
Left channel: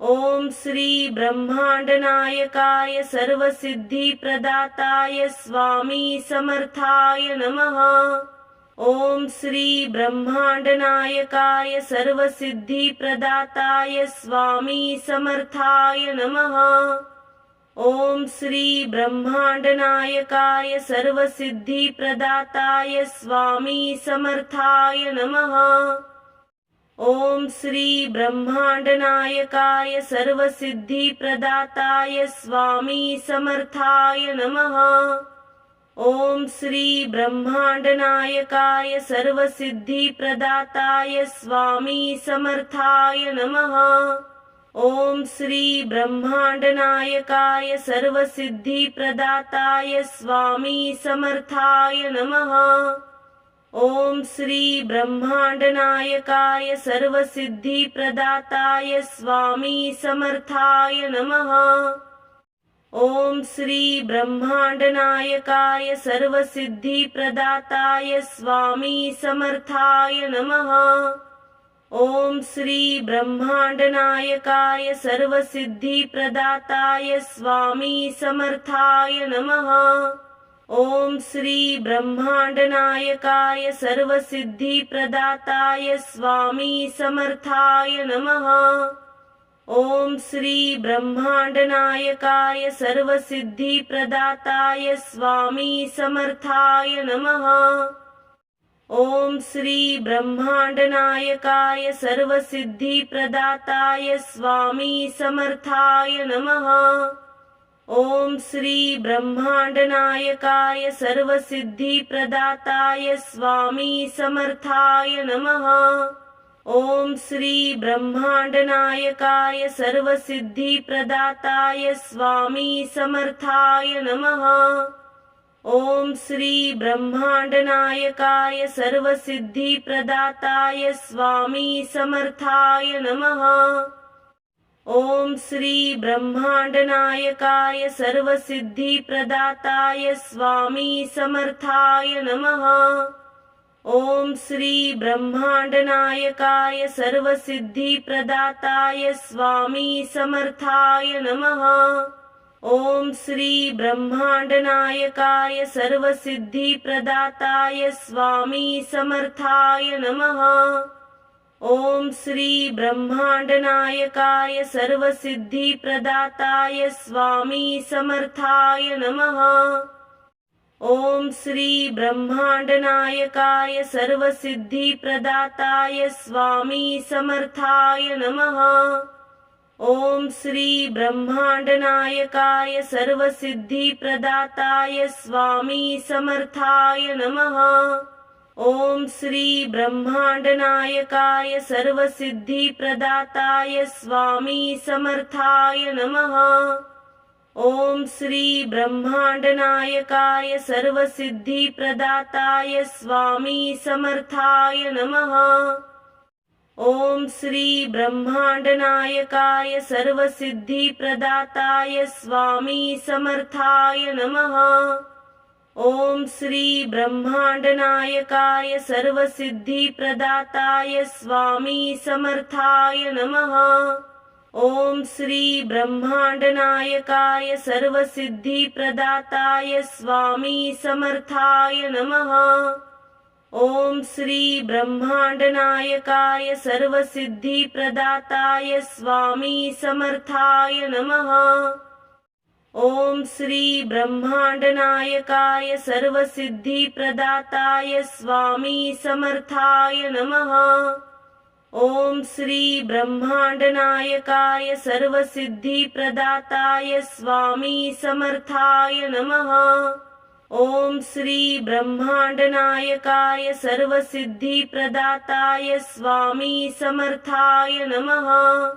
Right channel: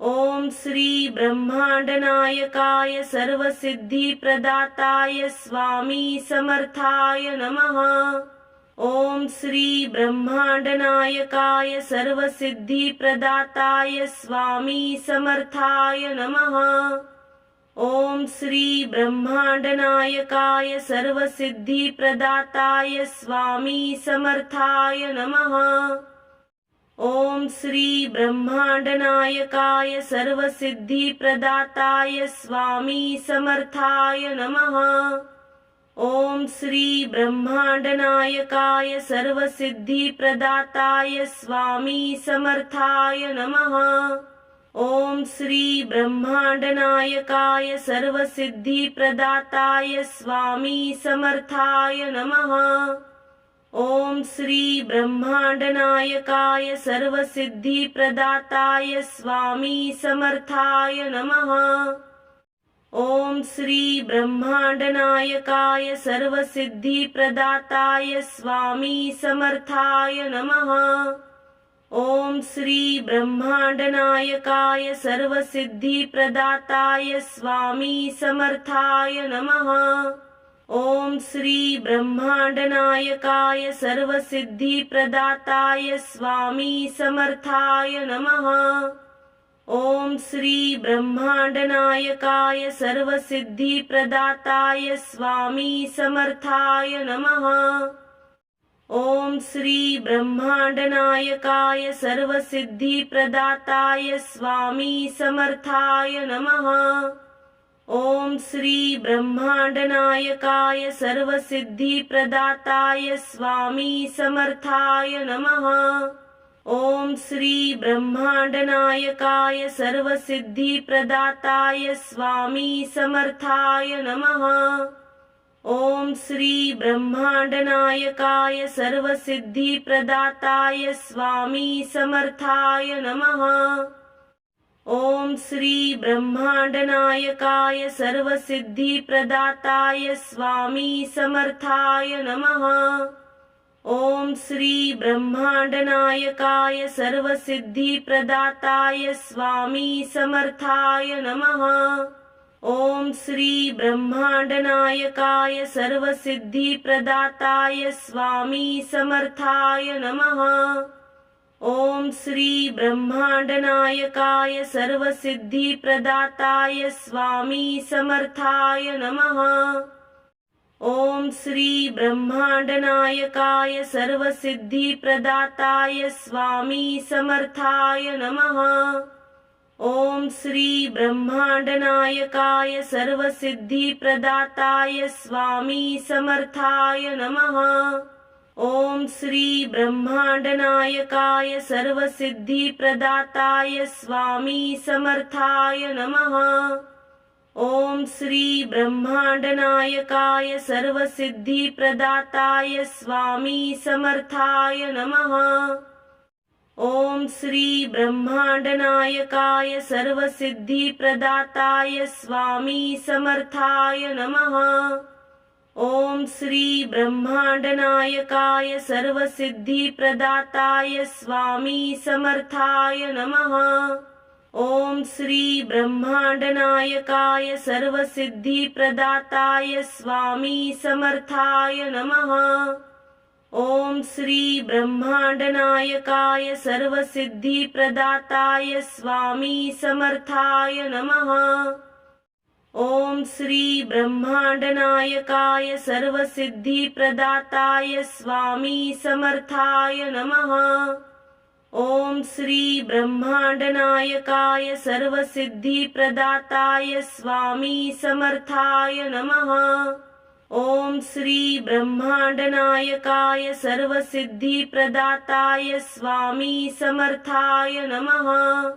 ओम श्री ब्रह्मांडनायकाय सर्वसिद्धिप्रदाताय स्वामी समर्थाय नमः। ओम श्री ब्रह्मांडनायकाय सर्वसिद्धिप्रदाताय स्वामी समर्थाय नमः। ओम श्री ब्रह्मांडनायकाय सर्वसिद्धिप्रदाताय स्वामी समर्थाय नमः। ओम श्री ब्रह्मांडनायकाय सर्वसिद्धिप्रदाताय स्वामी समर्थाय नमः। ओम श्री ब्रह्मांडनायकाय सर्वसिद्धिप्रदाताय स्वामी समर्थाय नमः। ओम श्री ब्रह्मांडनायकाय सर्वसिद्धिप्रदाताय स्वामी समर्थाय नमः। ओम श्री ब्रह्मांडनायकाय सर्वसिद्धिप्रदाताय स्वामी समर्थाय नमः। ओम श्री ब्रह्मांडनायकाय सर्वसिद्धिप्रदाताय स्वामी समर्थाय नमः। ओम श्री ब्रह्मांडनायकाय सर्वसिद्धिप्रदाताय स्वामी समर्थाय नमः। ओम श्री ब्रह्मांडनायकाय सर्वसिद्धिप्रदाताय स्वामी समर्थाय नमः। ओम श्री ब्रह्मांडनायकाय सर्वसिद्धिप्रदाताय स्वामी समर्थाय नमः। ओम श्री ब्रह्मांडनायकाय सर्वसिद्धिप्रदाताय स्वामी समर्थाय नमः। ओम श्री ब्रह्मांडनायकाय सर्वसिद्धिप्रदाताय स्वामी समर्थाय नमः। ओम श्री ब्रह्मांडनायकाय सर्वसिद्धिप्रदाताय स्वामी समर्थाय नमः। ओम श्री ब्रह्मांडनायकाय सर्वसिद्धिप्रदाताय स्वामी समर्थाय नमः। ओम श्री ब्रह्मांडनायकाय सर्वसिद्धिप्रदाताय स्वामी समर्थाय नमः। ओम श्री ब्रह्मांडनायकाय सर्वसिद्धिप्रदाताय स्वामी समर्थाय नमः। ओम श्री ब्रह्मांडनायकाय सर्वसिद्धिप्रदाताय स्वामी समर्थाय नमः। ओम श्री ब्रह्मांडनायकाय सर्वसिद्धिप्रदाताय स्वामी समर्थाय नमः। ओम श्री ब्रह्मांडनायकाय सर्वसिद्धिप्रदाताय स्वामी समर्थाय नमः। ओम श्री ब्रह्मांडनायकाय सर्वसिद्धिप्रदाताय स्वामी समर्थाय नमः। ओम श्री ब्रह्मांडनायकाय सर्वसिद्धिप्रदाताय स्वामी समर्थाय नमः। ओम श्री ब्रह्मांडनायकाय सर्वसिद्धिप्रदाताय स्वामी समर्थाय नमः। ओम श्री ब्रह्मांडनायकाय सर्वसिद्धिप्रदाताय स्वामी समर्थाय नमः। ओम श्री ब्रह्मांडनायकाय सर्वसिद्धिप्रदाताय स्वामी समर्थाय नमः। ओम श्री ब्रह्मांडनायकाय सर्वसिद्धिप्रदाताय स्वामी समर्थाय नमः। ओम श्री ब्रह्मांडनायकाय सर्वसिद्धिप्रदाताय स्वामी समर्थाय नमः। ओम श्री ब्रह्मांडनायकाय सर्वसिद्धिप्रदाताय स्वामी समर्थाय नमः। ओम श्री ब्रह्मांडनायकाय सर्वसिद्धिप्रदाताय स्वामी समर्थाय नमः। ओम श्री ब्रह्मांडनायकाय सर्वसिद्धिप्रदाताय स्वामी समर्थाय नमः।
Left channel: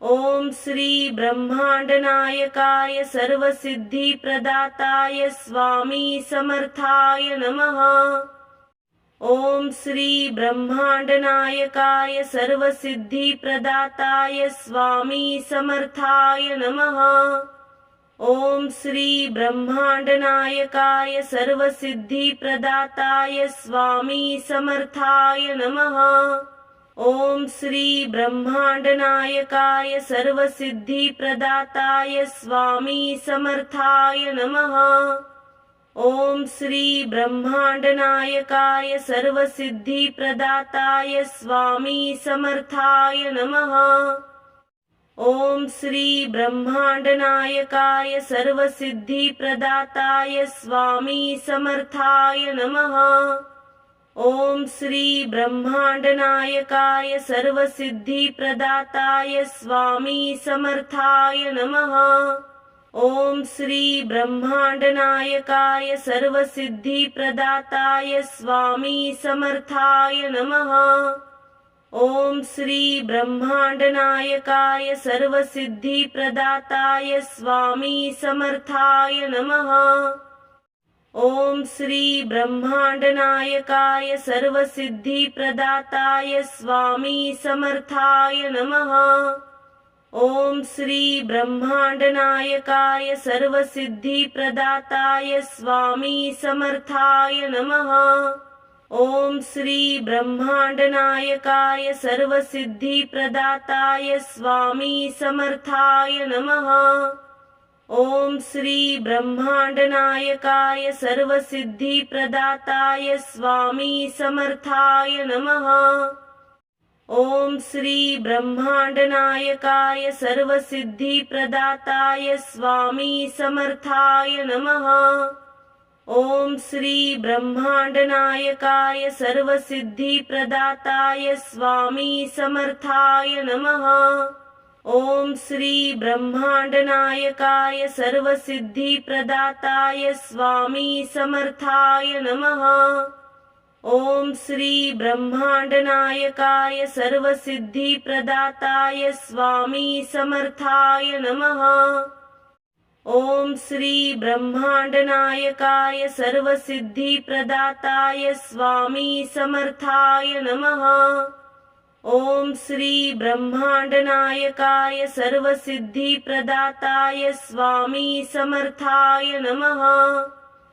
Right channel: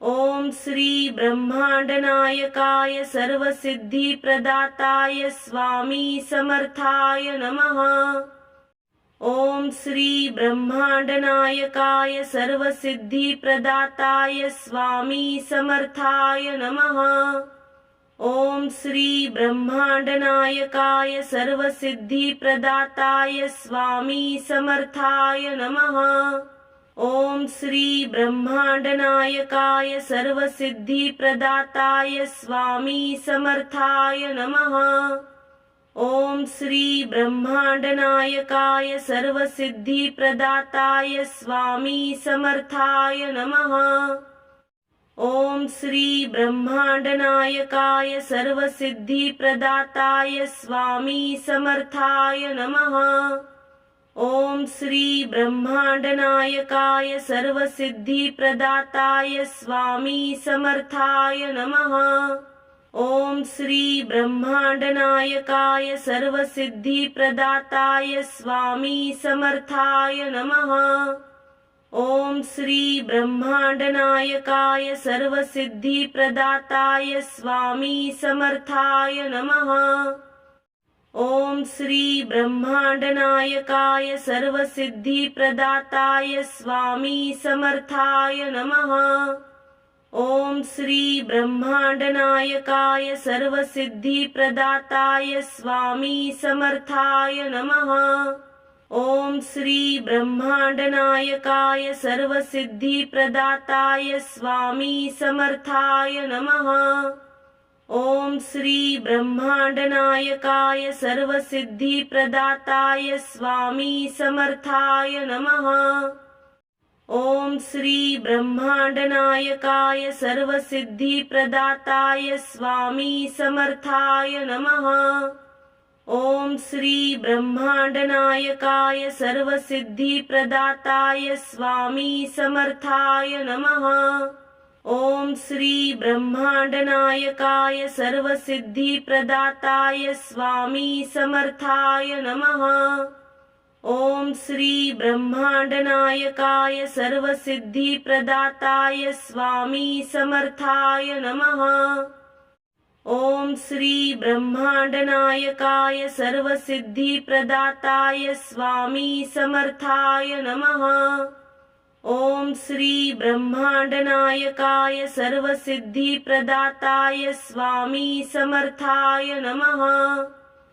ओम श्री ब्रह्मांडनायकाय सर्वसिद्धिप्रदाताय स्वामी समर्थाय नमः। ओम श्री ब्रह्मांडनायकाय सर्वसिद्धिप्रदाताय स्वामी समर्थाय नमः। ओम श्री ब्रह्मांडनायकाय सर्वसिद्धिप्रदाताय स्वामी समर्थाय नमः। ओम श्री ब्रह्मांडनायकाय सर्वसिद्धिप्रदाताय स्वामी समर्थाय नमः। ओम श्री ब्रह्मांडनायकाय सर्वसिद्धिप्रदाताय स्वामी समर्थाय नमः। ओम श्री ब्रह्मांडनायकाय सर्वसिद्धिप्रदाताय स्वामी समर्थाय नमः। ओम श्री ब्रह्मांडनायकाय सर्वसिद्धिप्रदाताय स्वामी समर्थाय नमः। ओम श्री ब्रह्मांडनायकाय सर्वसिद्धिप्रदाताय स्वामी समर्थाय नमः। ओम श्री ब्रह्मांडनायकाय सर्वसिद्धिप्रदाताय स्वामी समर्थाय नमः। ओम श्री ब्रह्मांडनायकाय सर्वसिद्धिप्रदाताय स्वामी समर्थाय नमः। ओम श्री ब्रह्मांडनायकाय सर्वसिद्धिप्रदाताय स्वामी समर्थाय नमः। ओम श्री ब्रह्मांडनायकाय सर्वसिद्धिप्रदाताय स्वामी समर्थाय नमः। ओम श्री ब्रह्मांडनायकाय सर्वसिद्धिप्रदाताय स्वामी समर्थाय नमः। ओम श्री ब्रह्मांडनायकाय सर्वसिद्धिप्रदाताय स्वामी समर्थाय नमः। ओम श्री ब्रह्मांडनायकाय सर्वसिद्धिप्रदाताय स्वामी समर्थाय नमः। ओम श्री ब्रह्मांडनायकाय सर्वसिद्धिप्रदाताय स्वामी समर्थाय नमः। ओम श्री ब्रह्मांडनायकाय सर्वसिद्धिप्रदाताय स्वामी समर्थाय नमः। ओम श्री ब्रह्मांडनायकाय सर्वसिद्धिप्रदाताय स्वामी समर्थाय नमः। ओम श्री ब्रह्मांडनायकाय सर्वसिद्धिप्रदाताय स्वामी समर्थाय नमः।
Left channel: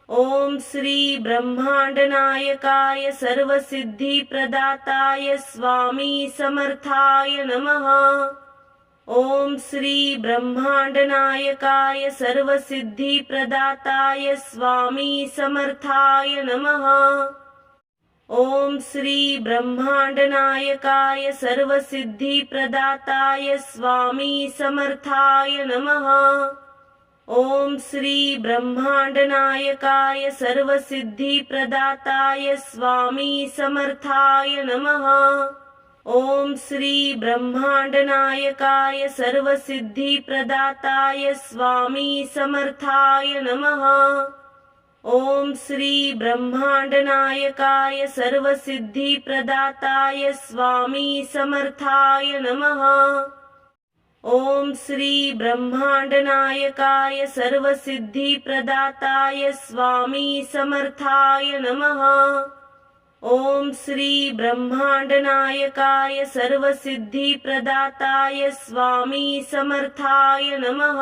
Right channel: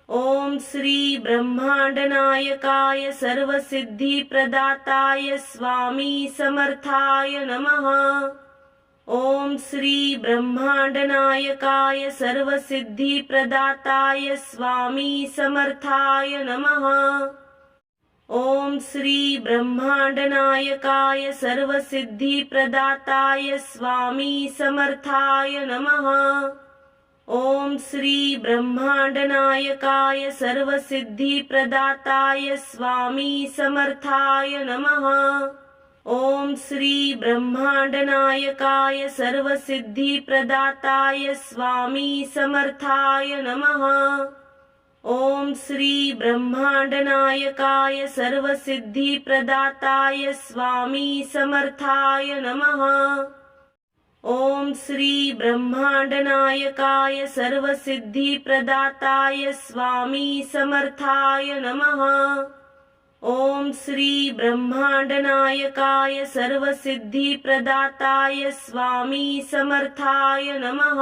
ओम श्री ब्रह्मांडनायकाय सर्वसिद्धिप्रदाताय स्वामी समर्थाय नमः। ओम श्री ब्रह्मांडनायकाय सर्वसिद्धिप्रदाताय स्वामी समर्थाय नमः। ओम श्री ब्रह्मांडनायकाय सर्वसिद्धिप्रदाताय स्वामी समर्थाय नमः। ओम श्री ब्रह्मांडनायकाय सर्वसिद्धिप्रदाताय स्वामी समर्थाय नमः। ओम श्री ब्रह्मांडनायकाय सर्वसिद्धिप्रदाताय स्वामी समर्थाय नमः। ओम श्री ब्रह्मांडनायकाय सर्वसिद्धिप्रदाताय स्वामी समर्थाय नमः। ओम श्री ब्रह्मांडनायकाय सर्वसिद्धिप्रदाताय स्वामी समर्थाय नमः। ओम श्री ब्रह्मांडनायकाय सर्वसिद्धिप्रदाताय स्वामी समर्थाय नमः।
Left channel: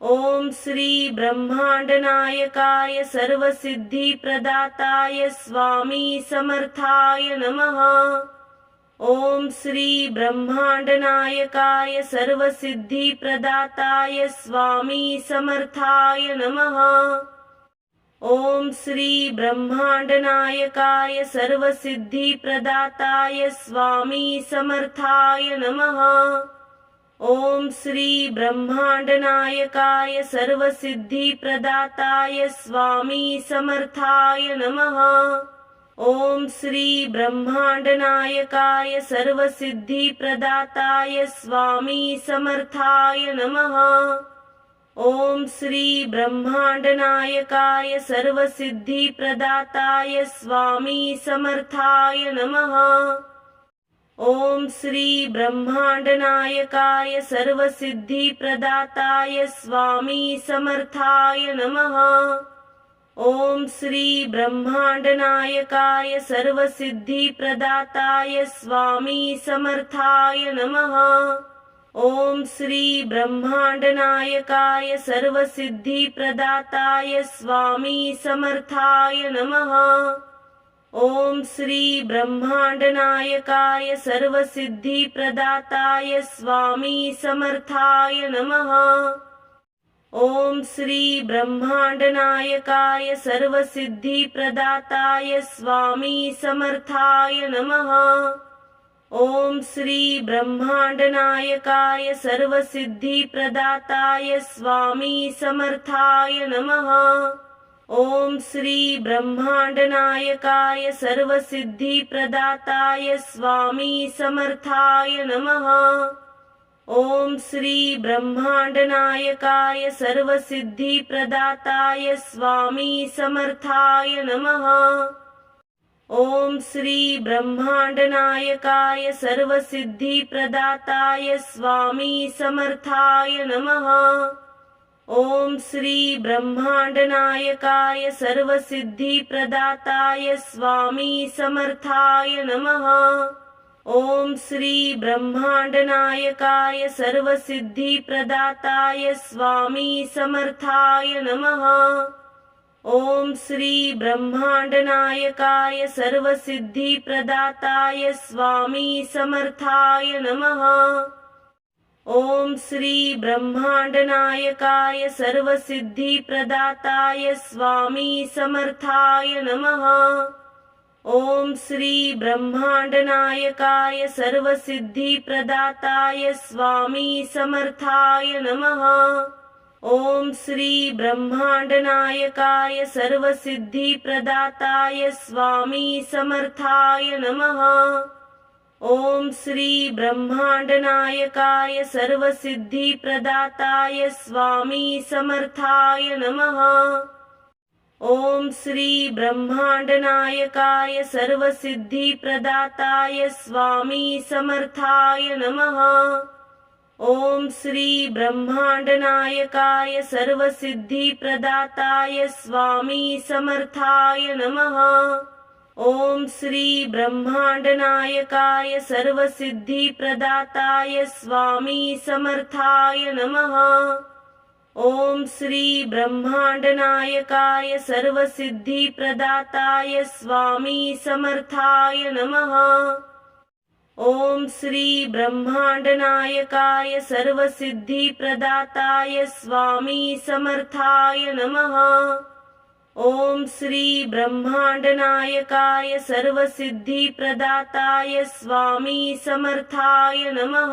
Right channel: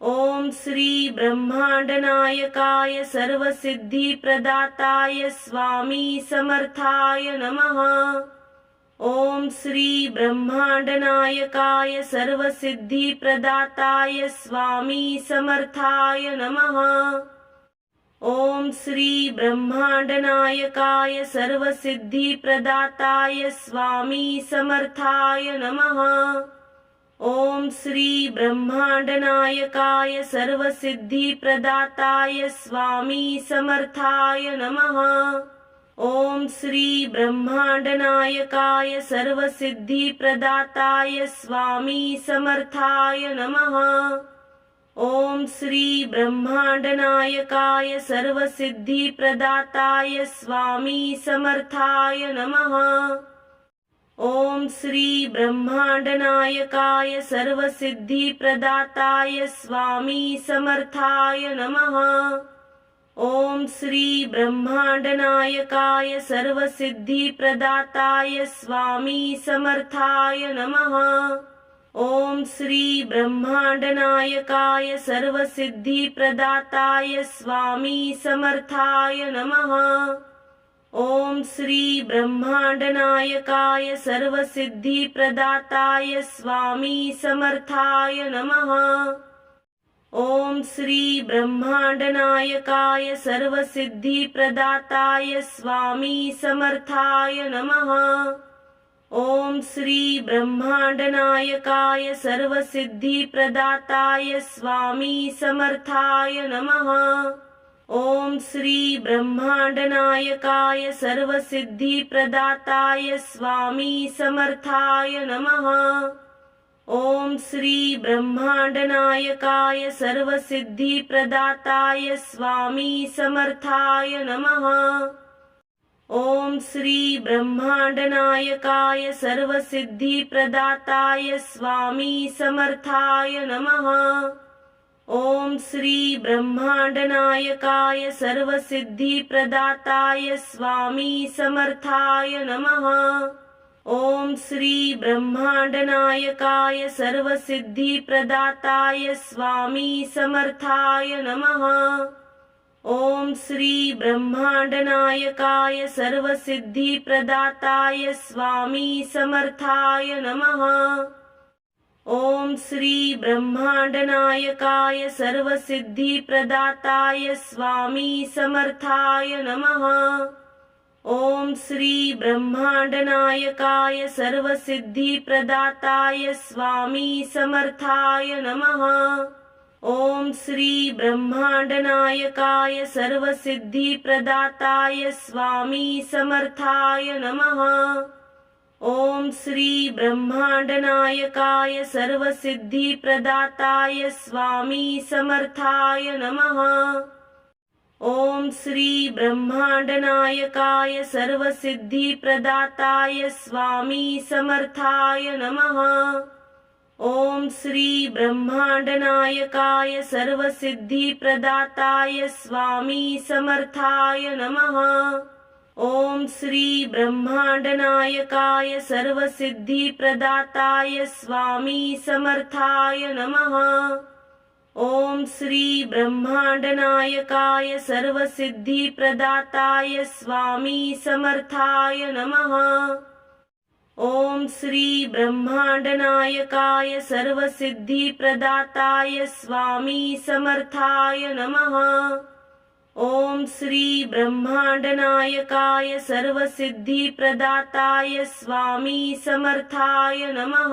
ओम श्री ब्रह्मांडनायकाय सर्वसिद्धिप्रदाताय स्वामी समर्थाय नमः। ओम श्री ब्रह्मांडनायकाय सर्वसिद्धिप्रदाताय स्वामी समर्थाय नमः। ओम श्री ब्रह्मांडनायकाय सर्वसिद्धिप्रदाताय स्वामी समर्थाय नमः। ओम श्री ब्रह्मांडनायकाय सर्वसिद्धिप्रदाताय स्वामी समर्थाय नमः। ओम श्री ब्रह्मांडनायकाय सर्वसिद्धिप्रदाताय स्वामी समर्थाय नमः। ओम श्री ब्रह्मांडनायकाय सर्वसिद्धिप्रदाताय स्वामी समर्थाय नमः। ओम श्री ब्रह्मांडनायकाय सर्वसिद्धिप्रदाताय स्वामी समर्थाय नमः। ओम श्री ब्रह्मांडनायकाय सर्वसिद्धिप्रदाताय स्वामी समर्थाय नमः। ओम श्री ब्रह्मांडनायकाय सर्वसिद्धिप्रदाताय स्वामी समर्थाय नमः। ओम श्री ब्रह्मांडनायकाय सर्वसिद्धिप्रदाताय स्वामी समर्थाय नमः। ओम श्री ब्रह्मांडनायकाय सर्वसिद्धिप्रदाताय स्वामी समर्थाय नमः। ओम श्री ब्रह्मांडनायकाय सर्वसिद्धिप्रदाताय स्वामी समर्थाय नमः। ओम श्री ब्रह्मांडनायकाय सर्वसिद्धिप्रदाताय स्वामी समर्थाय नमः। ओम श्री ब्रह्मांडनायकाय सर्वसिद्धिप्रदाताय स्वामी समर्थाय नमः। ओम श्री ब्रह्मांडनायकाय सर्वसिद्धिप्रदाताय स्वामी समर्थाय नमः। ओम श्री ब्रह्मांडनायकाय सर्वसिद्धिप्रदाताय स्वामी समर्थाय नमः। ओम श्री ब्रह्मांडनायकाय सर्वसिद्धिप्रदाताय स्वामी समर्थाय नमः। ओम श्री ब्रह्मांडनायकाय सर्वसिद्धिप्रदाताय स्वामी समर्थाय नमः। ओम श्री ब्रह्मांडनायकाय सर्वसिद्धिप्रदाताय स्वामी समर्थाय नमः। ओम श्री ब्रह्मांडनायकाय सर्वसिद्धिप्रदाताय स्वामी समर्थाय नमः। ओम श्री ब्रह्मांडनायकाय सर्वसिद्धिप्रदाताय स्वामी समर्थाय नमः। ओम श्री ब्रह्मांडनायकाय सर्वसिद्धिप्रदाताय स्वामी समर्थाय नमः। ओम श्री ब्रह्मांडनायकाय सर्वसिद्धिप्रदाताय स्वामी समर्थाय नमः। ओम श्री ब्रह्मांडनायकाय सर्वसिद्धिप्रदाताय स्वामी समर्थाय नमः। ओम श्री ब्रह्मांडनायकाय सर्वसिद्धिप्रदाताय स्वामी समर्थाय नमः। ओम श्री ब्रह्मांडनायकाय सर्वसिद्धिप्रदाताय स्वामी समर्थाय नमः। ओम श्री ब्रह्मांडनायकाय सर्वसिद्धिप्रदाताय स्वामी समर्थाय नमः। ओम श्री ब्रह्मांडनायकाय सर्वसिद्धिप्रदाताय स्वामी समर्थाय नमः।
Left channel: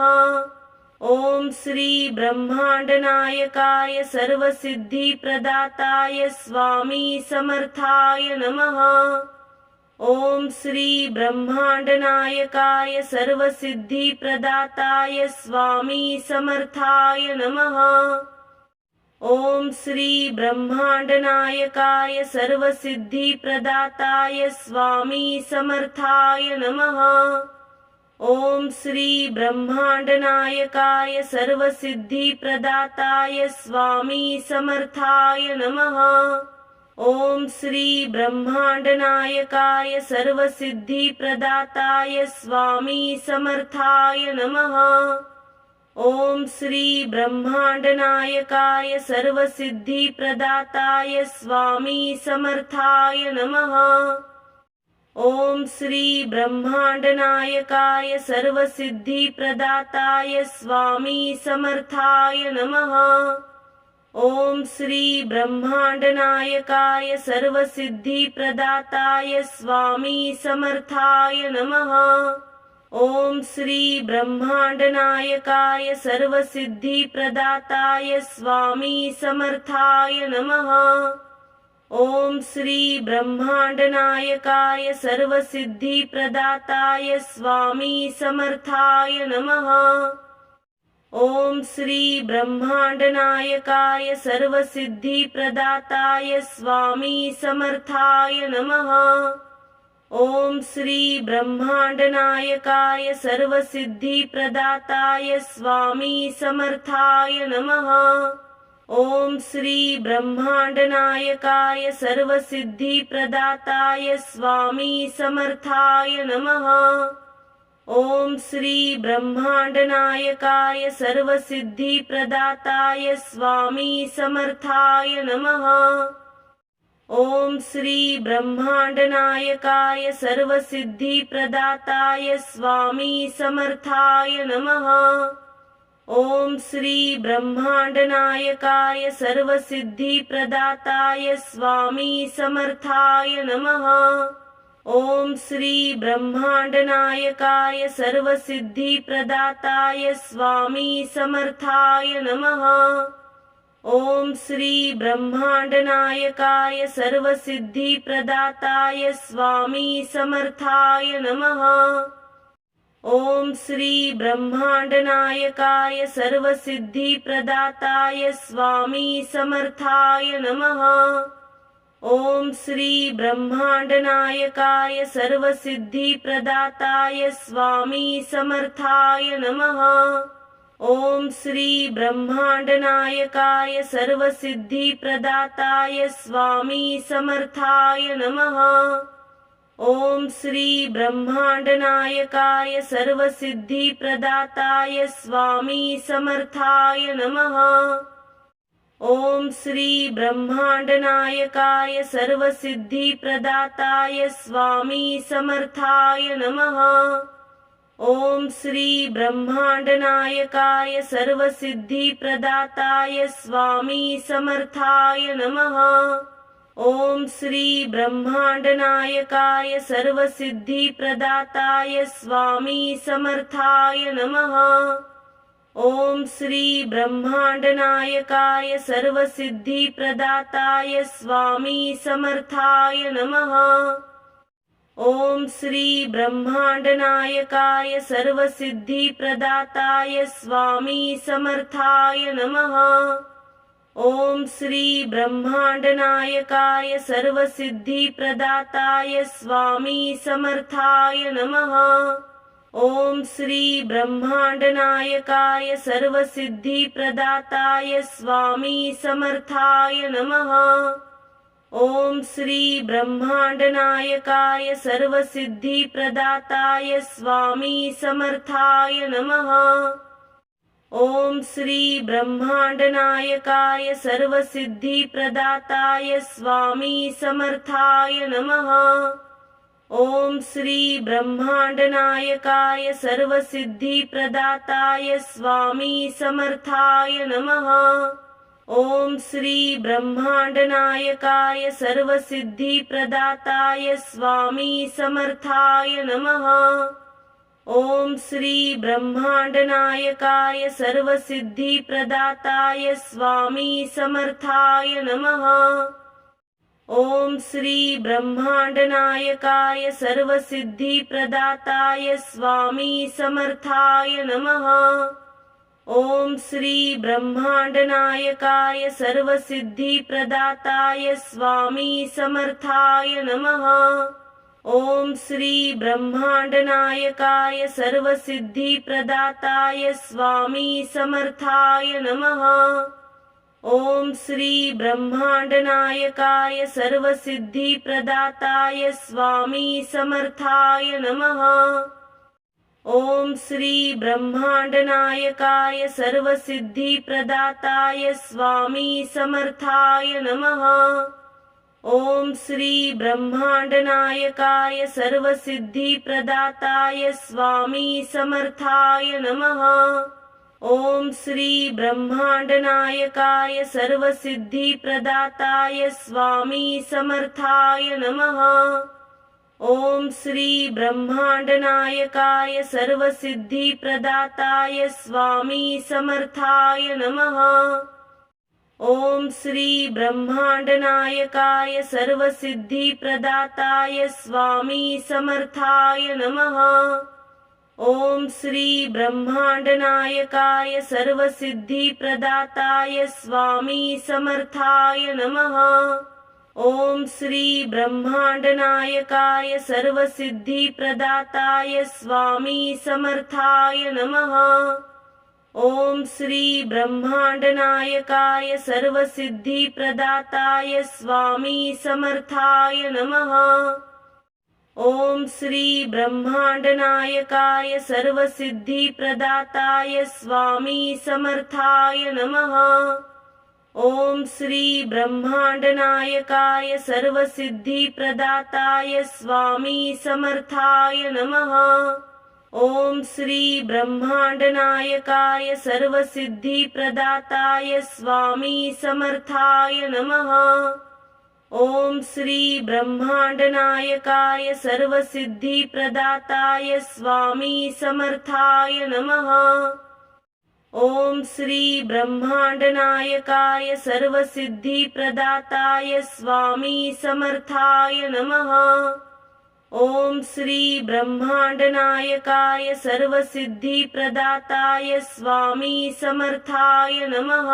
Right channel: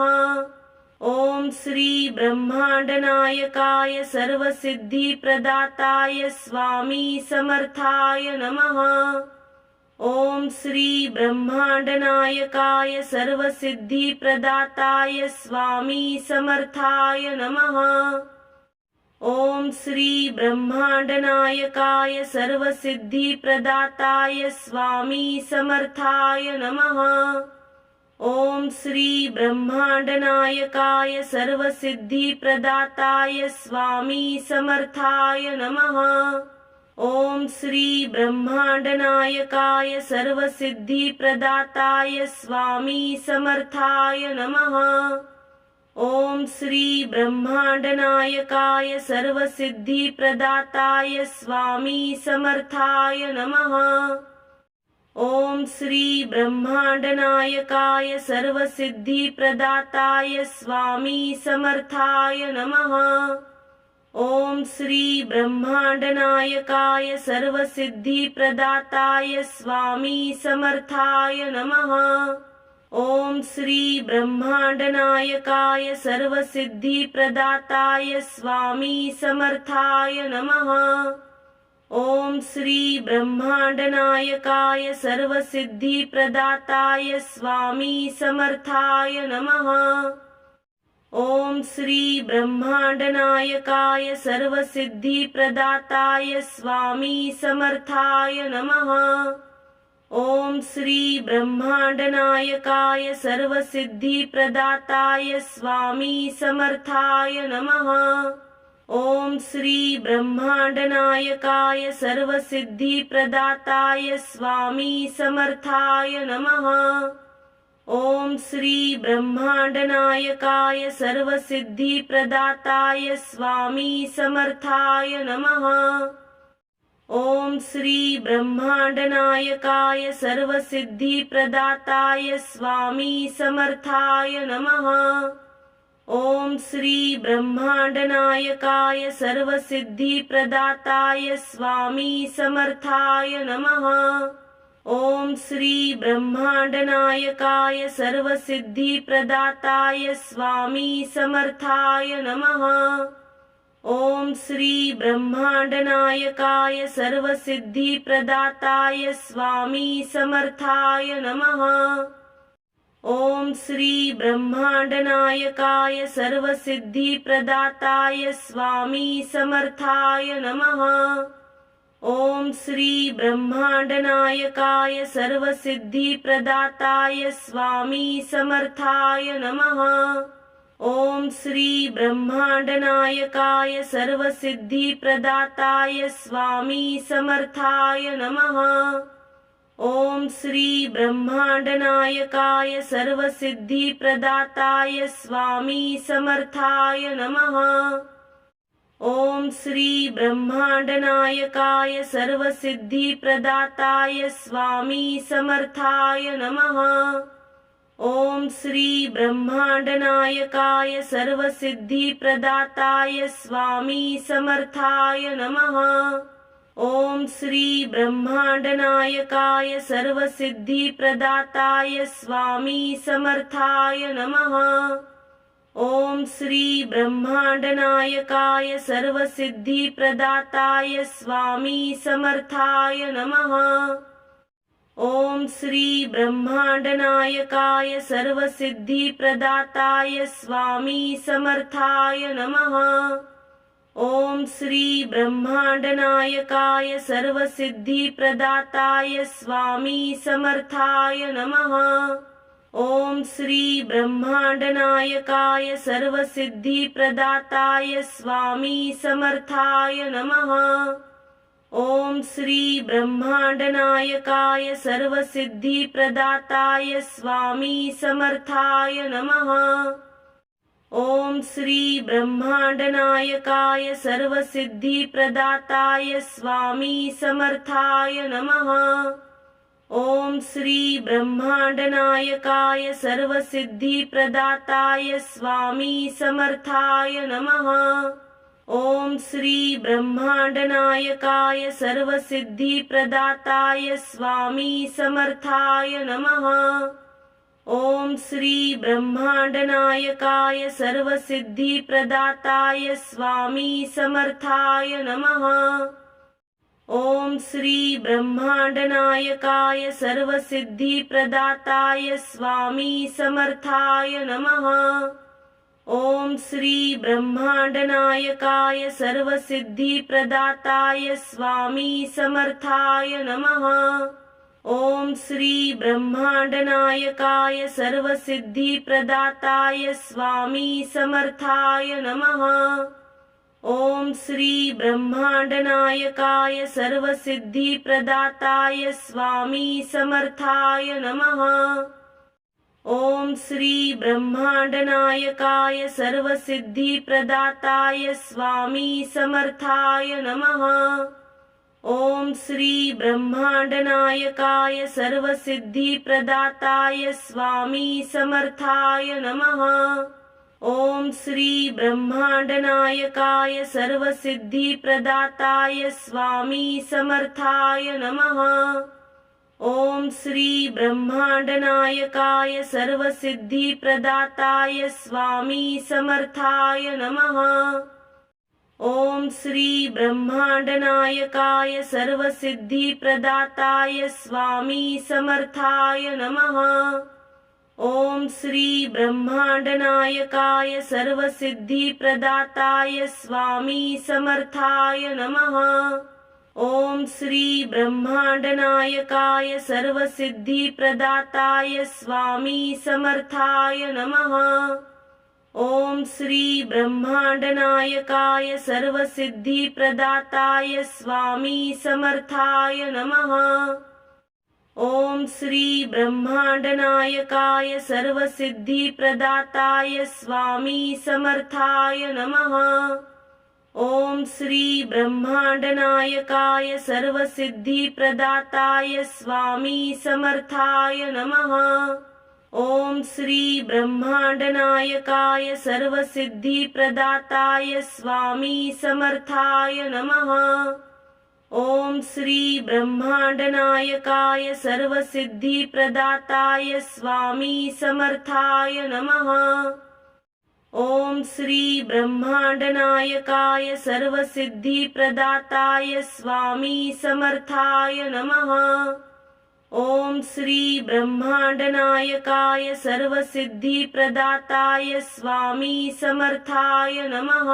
ओम श्री ब्रह्मांडनायकाय सर्वसिद्धिप्रदाताय स्वामी समर्थाय नमः। ओम श्री ब्रह्मांडनायकाय सर्वसिद्धिप्रदाताय स्वामी समर्थाय नमः। ओम श्री ब्रह्मांडनायकाय सर्वसिद्धिप्रदाताय स्वामी समर्थाय नमः। ओम श्री ब्रह्मांडनायकाय सर्वसिद्धिप्रदाताय स्वामी समर्थाय नमः। ओम श्री ब्रह्मांडनायकाय सर्वसिद्धिप्रदाताय स्वामी समर्थाय नमः। ओम श्री ब्रह्मांडनायकाय सर्वसिद्धिप्रदाताय स्वामी समर्थाय नमः। ओम श्री ब्रह्मांडनायकाय सर्वसिद्धिप्रदाताय स्वामी समर्थाय नमः। ओम श्री ब्रह्मांडनायकाय सर्वसिद्धिप्रदाताय स्वामी समर्थाय नमः। ओम श्री ब्रह्मांडनायकाय सर्वसिद्धिप्रदाताय स्वामी समर्थाय नमः। ओम श्री ब्रह्मांडनायकाय सर्वसिद्धिप्रदाताय स्वामी समर्थाय नमः। ओम श्री ब्रह्मांडनायकाय सर्वसिद्धिप्रदाताय स्वामी समर्थाय नमः। ओम श्री ब्रह्मांडनायकाय सर्वसिद्धिप्रदाताय स्वामी समर्थाय नमः। ओम श्री ब्रह्मांडनायकाय सर्वसिद्धिप्रदाताय स्वामी समर्थाय नमः। ओम श्री ब्रह्मांडनायकाय सर्वसिद्धिप्रदाताय स्वामी समर्थाय नमः। ओम श्री ब्रह्मांडनायकाय सर्वसिद्धिप्रदाताय स्वामी समर्थाय नमः। ओम श्री ब्रह्मांडनायकाय सर्वसिद्धिप्रदाताय स्वामी समर्थाय नमः। ओम श्री ब्रह्मांडनायकाय सर्वसिद्धिप्रदाताय स्वामी समर्थाय नमः। ओम श्री ब्रह्मांडनायकाय सर्वसिद्धिप्रदाताय स्वामी समर्थाय नमः। ओम श्री ब्रह्मांडनायकाय सर्वसिद्धिप्रदाताय स्वामी समर्थाय नमः। ओम श्री ब्रह्मांडनायकाय सर्वसिद्धिप्रदाताय स्वामी समर्थाय नमः। ओम श्री ब्रह्मांडनायकाय सर्वसिद्धिप्रदाताय स्वामी समर्थाय नमः। ओम श्री ब्रह्मांडनायकाय सर्वसिद्धिप्रदाताय स्वामी समर्थाय नमः। ओम श्री ब्रह्मांडनायकाय सर्वसिद्धिप्रदाताय स्वामी समर्थाय नमः। ओम श्री ब्रह्मांडनायकाय सर्वसिद्धिप्रदाताय स्वामी समर्थाय नमः। ओम श्री ब्रह्मांडनायकाय सर्वसिद्धिप्रदाताय स्वामी समर्थाय नमः। ओम श्री ब्रह्मांडनायकाय सर्वसिद्धिप्रदाताय स्वामी समर्थाय नमः। ओम श्री ब्रह्मांडनायकाय सर्वसिद्धिप्रदाताय स्वामी समर्थाय नमः। ओम श्री ब्रह्मांडनायकाय सर्वसिद्धिप्रदाताय स्वामी समर्थाय नमः। ओम श्री ब्रह्मांडनायकाय सर्वसिद्धिप्रदाताय स्वामी समर्थाय नमः। ओम श्री ब्रह्मांडनायकाय सर्वसिद्धिप्रदाताय स्वामी समर्थाय नमः। ओम श्री ब्रह्मांडनायकाय सर्वसिद्धिप्रदाताय स्वामी समर्थाय नमः। ओम श्री ब्रह्मांडनायकाय सर्वसिद्धिप्रदाताय स्वामी समर्थाय नमः। ओम श्री ब्रह्मांडनायकाय सर्वसिद्धिप्रदाताय स्वामी समर्थाय नमः। ओम श्री ब्रह्मांडनायकाय सर्वसिद्धिप्रदाताय स्वामी समर्थाय नमः। ओम श्री ब्रह्मांडनायकाय सर्वसिद्धिप्रदाताय स्वामी समर्थाय नमः। ओम श्री ब्रह्मांडनायकाय सर्वसिद्धिप्रदाताय स्वामी समर्थाय नमः। ओम श्री ब्रह्मांडनायकाय सर्वसिद्धिप्रदाताय स्वामी समर्थाय नमः। ओम श्री ब्रह्मांडनायकाय सर्वसिद्धिप्रदाताय स्वामी समर्थाय नमः। ओम श्री ब्रह्मांडनायकाय सर्वसिद्धिप्रदाताय स्वामी समर्थाय नमः। ओम श्री ब्रह्मांडनायकाय सर्वसिद्धिप्रदाताय स्वामी समर्थाय नमः। ओम श्री ब्रह्मांडनायकाय सर्वसिद्धिप्रदाताय स्वामी समर्थाय नमः। ओम श्री ब्रह्मांडनायकाय सर्वसिद्धिप्रदाताय स्वामी समर्थाय नमः। ओम श्री ब्रह्मांडनायकाय सर्वसिद्धिप्रदाताय स्वामी समर्थाय नमः। ओम श्री ब्रह्मांडनायकाय सर्वसिद्धिप्रदाताय स्वामी समर्थाय नमः। ओम श्री ब्रह्मांडनायकाय सर्वसिद्धिप्रदाताय स्वामी समर्थाय नमः। ओम श्री ब्रह्मांडनायकाय सर्वसिद्धिप्रदाताय स्वामी समर्थाय नमः। ओम श्री ब्रह्मांडनायकाय सर्वसिद्धिप्रदाताय स्वामी समर्थाय नमः। ओम श्री ब्रह्मांडनायकाय सर्वसिद्धिप्रदाताय स्वामी समर्थाय नमः। ओम श्री ब्रह्मांडनायकाय सर्वसिद्धिप्रदाताय स्वामी समर्थाय नमः। ओम श्री ब्रह्मांडनायकाय सर्वसिद्धिप्रदाताय स्वामी समर्थाय नमः। ओम श्री ब्रह्मांडनायकाय सर्वसिद्धिप्रदाताय स्वामी समर्थाय नमः। ओम श्री ब्रह्मांडनायकाय सर्वसिद्धिप्रदाताय स्वामी समर्थाय नमः।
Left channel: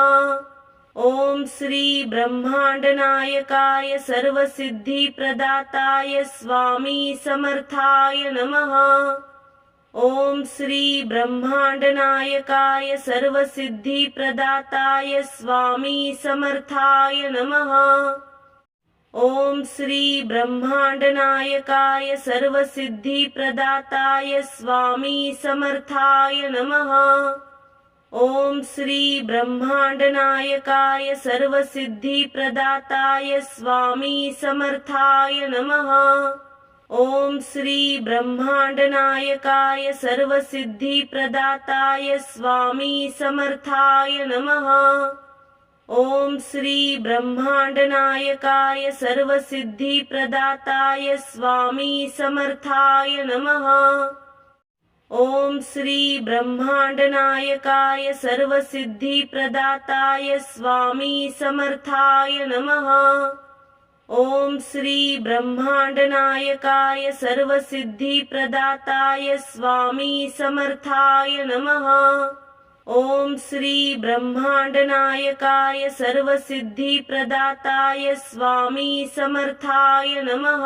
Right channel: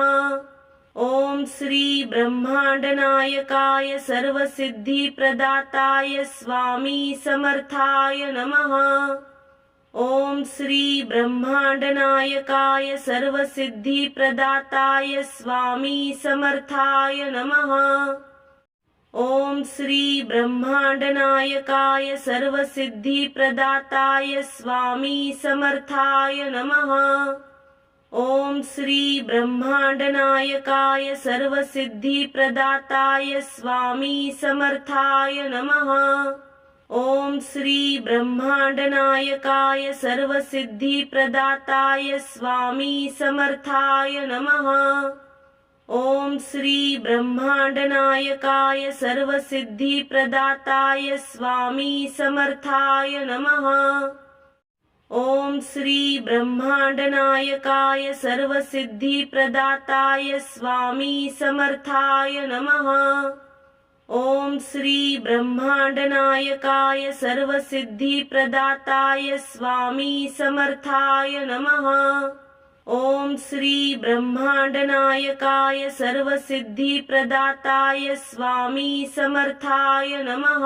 ओम श्री ब्रह्मांडनायकाय सर्वसिद्धिप्रदाताय स्वामी समर्थाय नमः। ओम श्री ब्रह्मांडनायकाय सर्वसिद्धिप्रदाताय स्वामी समर्थाय नमः। ओम श्री ब्रह्मांडनायकाय सर्वसिद्धिप्रदाताय स्वामी समर्थाय नमः। ओम श्री ब्रह्मांडनायकाय सर्वसिद्धिप्रदाताय स्वामी समर्थाय नमः। ओम श्री ब्रह्मांडनायकाय सर्वसिद्धिप्रदाताय स्वामी समर्थाय नमः। ओम श्री ब्रह्मांडनायकाय सर्वसिद्धिप्रदाताय स्वामी समर्थाय नमः। ओम श्री ब्रह्मांडनायकाय सर्वसिद्धिप्रदाताय स्वामी समर्थाय नमः। ओम श्री ब्रह्मांडनायकाय सर्वसिद्धिप्रदाताय स्वामी समर्थाय नमः। ओम श्री ब्रह्मांडनायकाय सर्वसिद्धिप्रदाताय स्वामी समर्थाय नमः।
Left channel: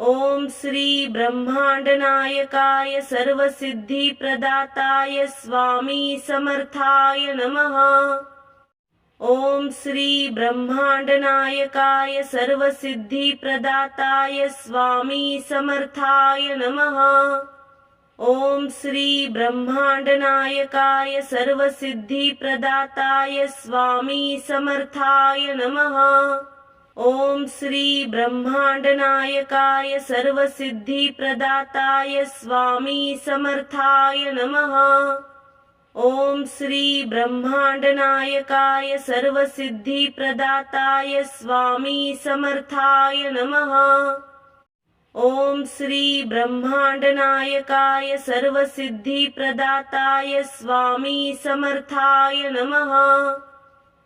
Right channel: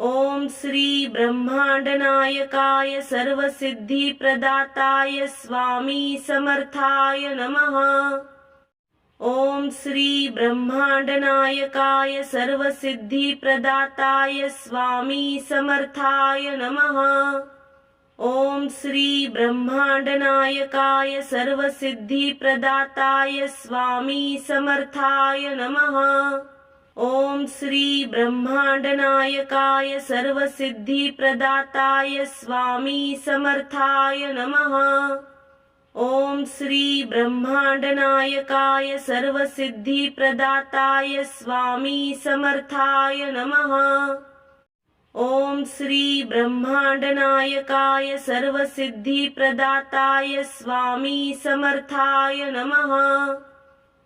ओम श्री ब्रह्मांडनायकाय सर्वसिद्धिप्रदाताय स्वामी समर्थाय नमः। ओम श्री ब्रह्मांडनायकाय सर्वसिद्धिप्रदाताय स्वामी समर्थाय नमः। ओम श्री ब्रह्मांडनायकाय सर्वसिद्धिप्रदाताय स्वामी समर्थाय नमः। ओम श्री ब्रह्मांडनायकाय सर्वसिद्धिप्रदाताय स्वामी समर्थाय नमः। ओम श्री ब्रह्मांडनायकाय सर्वसिद्धिप्रदाताय स्वामी समर्थाय नमः। ओम श्री ब्रह्मांडनायकाय सर्वसिद्धिप्रदाताय स्वामी समर्थाय नमः।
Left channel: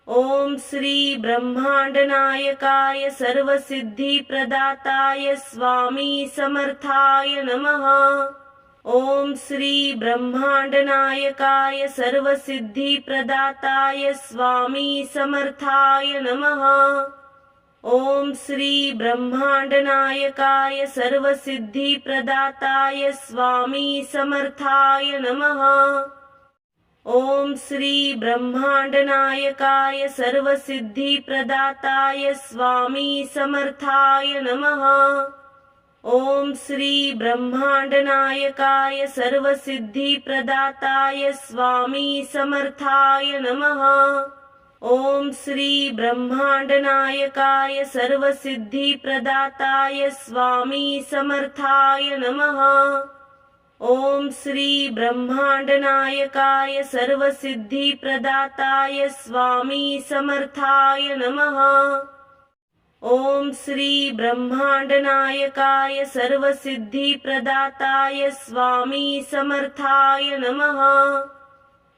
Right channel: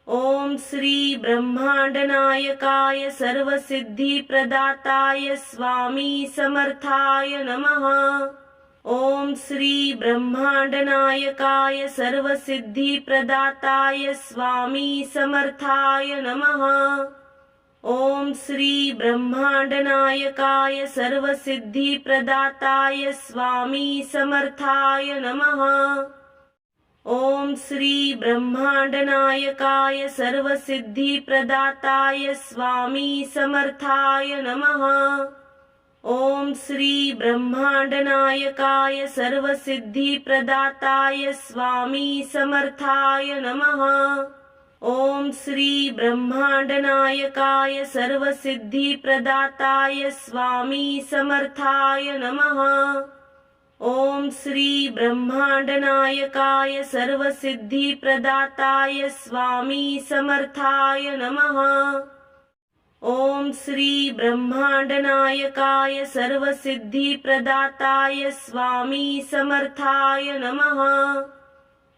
ओम श्री ब्रह्मांडनायकाय सर्वसिद्धिप्रदाताय स्वामी समर्थाय नमः। ओम श्री ब्रह्मांडनायकाय सर्वसिद्धिप्रदाताय स्वामी समर्थाय नमः। ओम श्री ब्रह्मांडनायकाय सर्वसिद्धिप्रदाताय स्वामी समर्थाय नमः। ओम श्री ब्रह्मांडनायकाय सर्वसिद्धिप्रदाताय स्वामी समर्थाय नमः। ओम श्री ब्रह्मांडनायकाय सर्वसिद्धिप्रदाताय स्वामी समर्थाय नमः। ओम श्री ब्रह्मांडनायकाय सर्वसिद्धिप्रदाताय स्वामी समर्थाय नमः। ओम श्री ब्रह्मांडनायकाय सर्वसिद्धिप्रदाताय स्वामी समर्थाय नमः। ओम श्री ब्रह्मांडनायकाय सर्वसिद्धिप्रदाताय स्वामी समर्थाय नमः।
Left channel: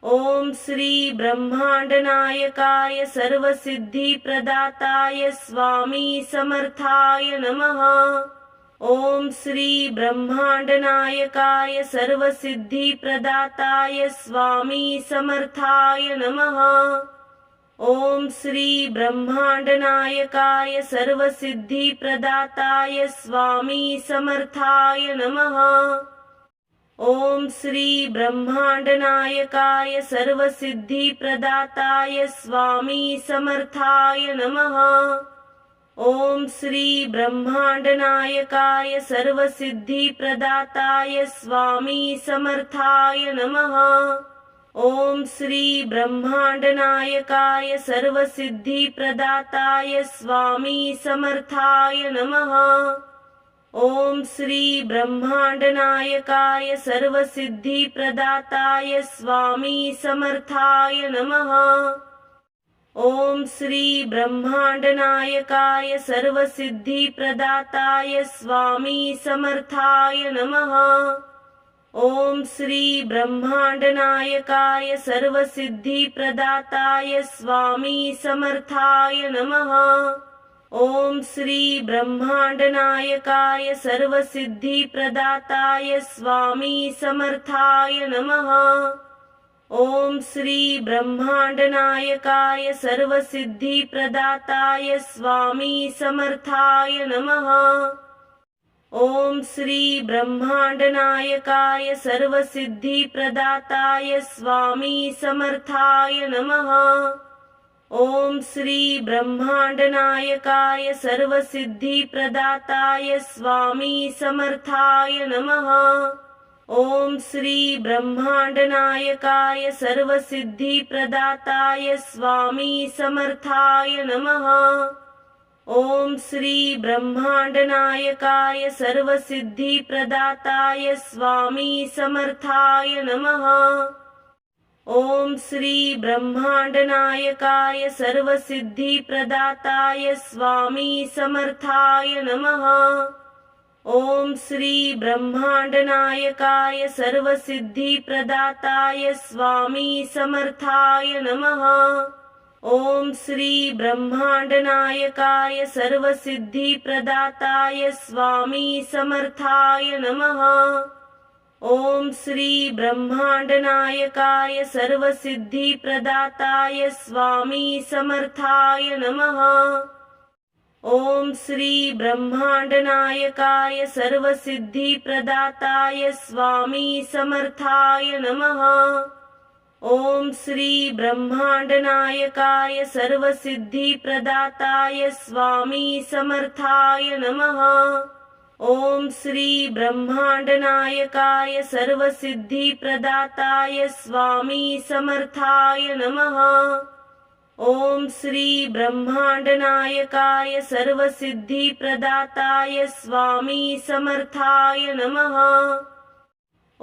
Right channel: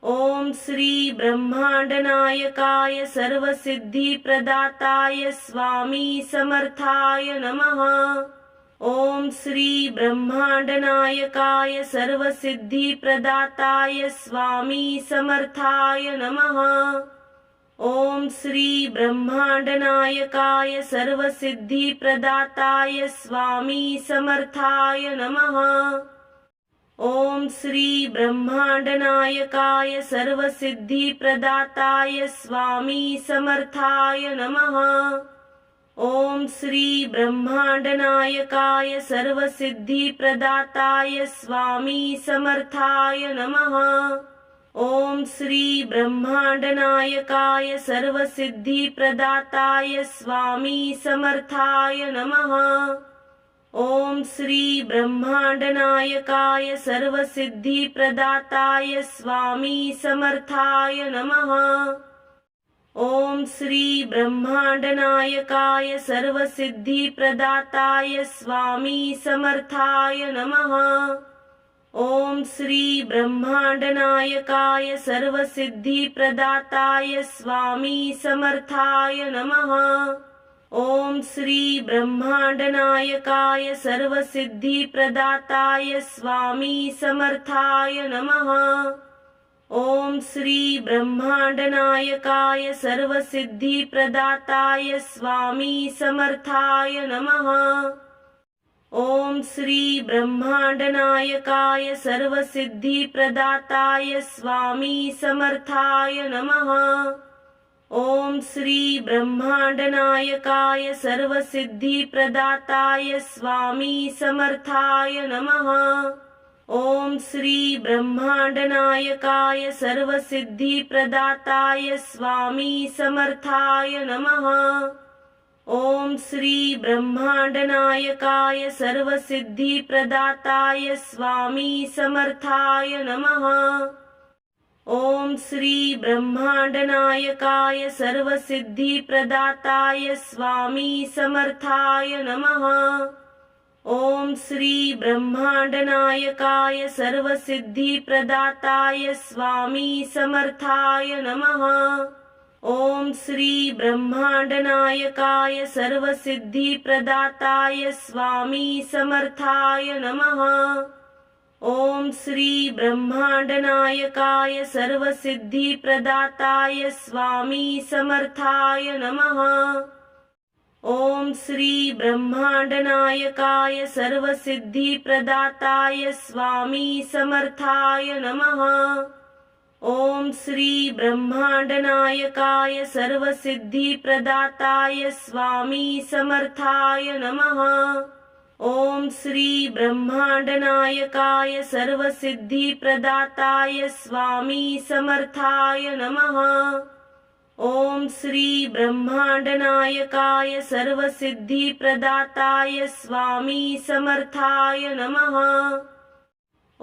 ओम श्री ब्रह्मांडनायकाय सर्वसिद्धिप्रदाताय स्वामी समर्थाय नमः। ओम श्री ब्रह्मांडनायकाय सर्वसिद्धिप्रदाताय स्वामी समर्थाय नमः। ओम श्री ब्रह्मांडनायकाय सर्वसिद्धिप्रदाताय स्वामी समर्थाय नमः। ओम श्री ब्रह्मांडनायकाय सर्वसिद्धिप्रदाताय स्वामी समर्थाय नमः। ओम श्री ब्रह्मांडनायकाय सर्वसिद्धिप्रदाताय स्वामी समर्थाय नमः। ओम श्री ब्रह्मांडनायकाय सर्वसिद्धिप्रदाताय स्वामी समर्थाय नमः। ओम श्री ब्रह्मांडनायकाय सर्वसिद्धिप्रदाताय स्वामी समर्थाय नमः। ओम श्री ब्रह्मांडनायकाय सर्वसिद्धिप्रदाताय स्वामी समर्थाय नमः। ओम श्री ब्रह्मांडनायकाय सर्वसिद्धिप्रदाताय स्वामी समर्थाय नमः। ओम श्री ब्रह्मांडनायकाय सर्वसिद्धिप्रदाताय स्वामी समर्थाय नमः। ओम श्री ब्रह्मांडनायकाय सर्वसिद्धिप्रदाताय स्वामी समर्थाय नमः। ओम श्री ब्रह्मांडनायकाय सर्वसिद्धिप्रदाताय स्वामी समर्थाय नमः। ओम श्री ब्रह्मांडनायकाय सर्वसिद्धिप्रदाताय स्वामी समर्थाय नमः। ओम श्री ब्रह्मांडनायकाय सर्वसिद्धिप्रदाताय स्वामी समर्थाय नमः। ओम श्री ब्रह्मांडनायकाय सर्वसिद्धिप्रदाताय स्वामी समर्थाय नमः। ओम श्री ब्रह्मांडनायकाय सर्वसिद्धिप्रदाताय स्वामी समर्थाय नमः। ओम श्री ब्रह्मांडनायकाय सर्वसिद्धिप्रदाताय स्वामी समर्थाय नमः। ओम श्री ब्रह्मांडनायकाय सर्वसिद्धिप्रदाताय स्वामी समर्थाय नमः। ओम श्री ब्रह्मांडनायकाय सर्वसिद्धिप्रदाताय स्वामी समर्थाय नमः। ओम श्री ब्रह्मांडनायकाय सर्वसिद्धिप्रदाताय स्वामी समर्थाय नमः। ओम श्री ब्रह्मांडनायकाय सर्वसिद्धिप्रदाताय स्वामी समर्थाय नमः। ओम श्री ब्रह्मांडनायकाय सर्वसिद्धिप्रदाताय स्वामी समर्थाय नमः। ओम श्री ब्रह्मांडनायकाय सर्वसिद्धिप्रदाताय स्वामी समर्थाय नमः।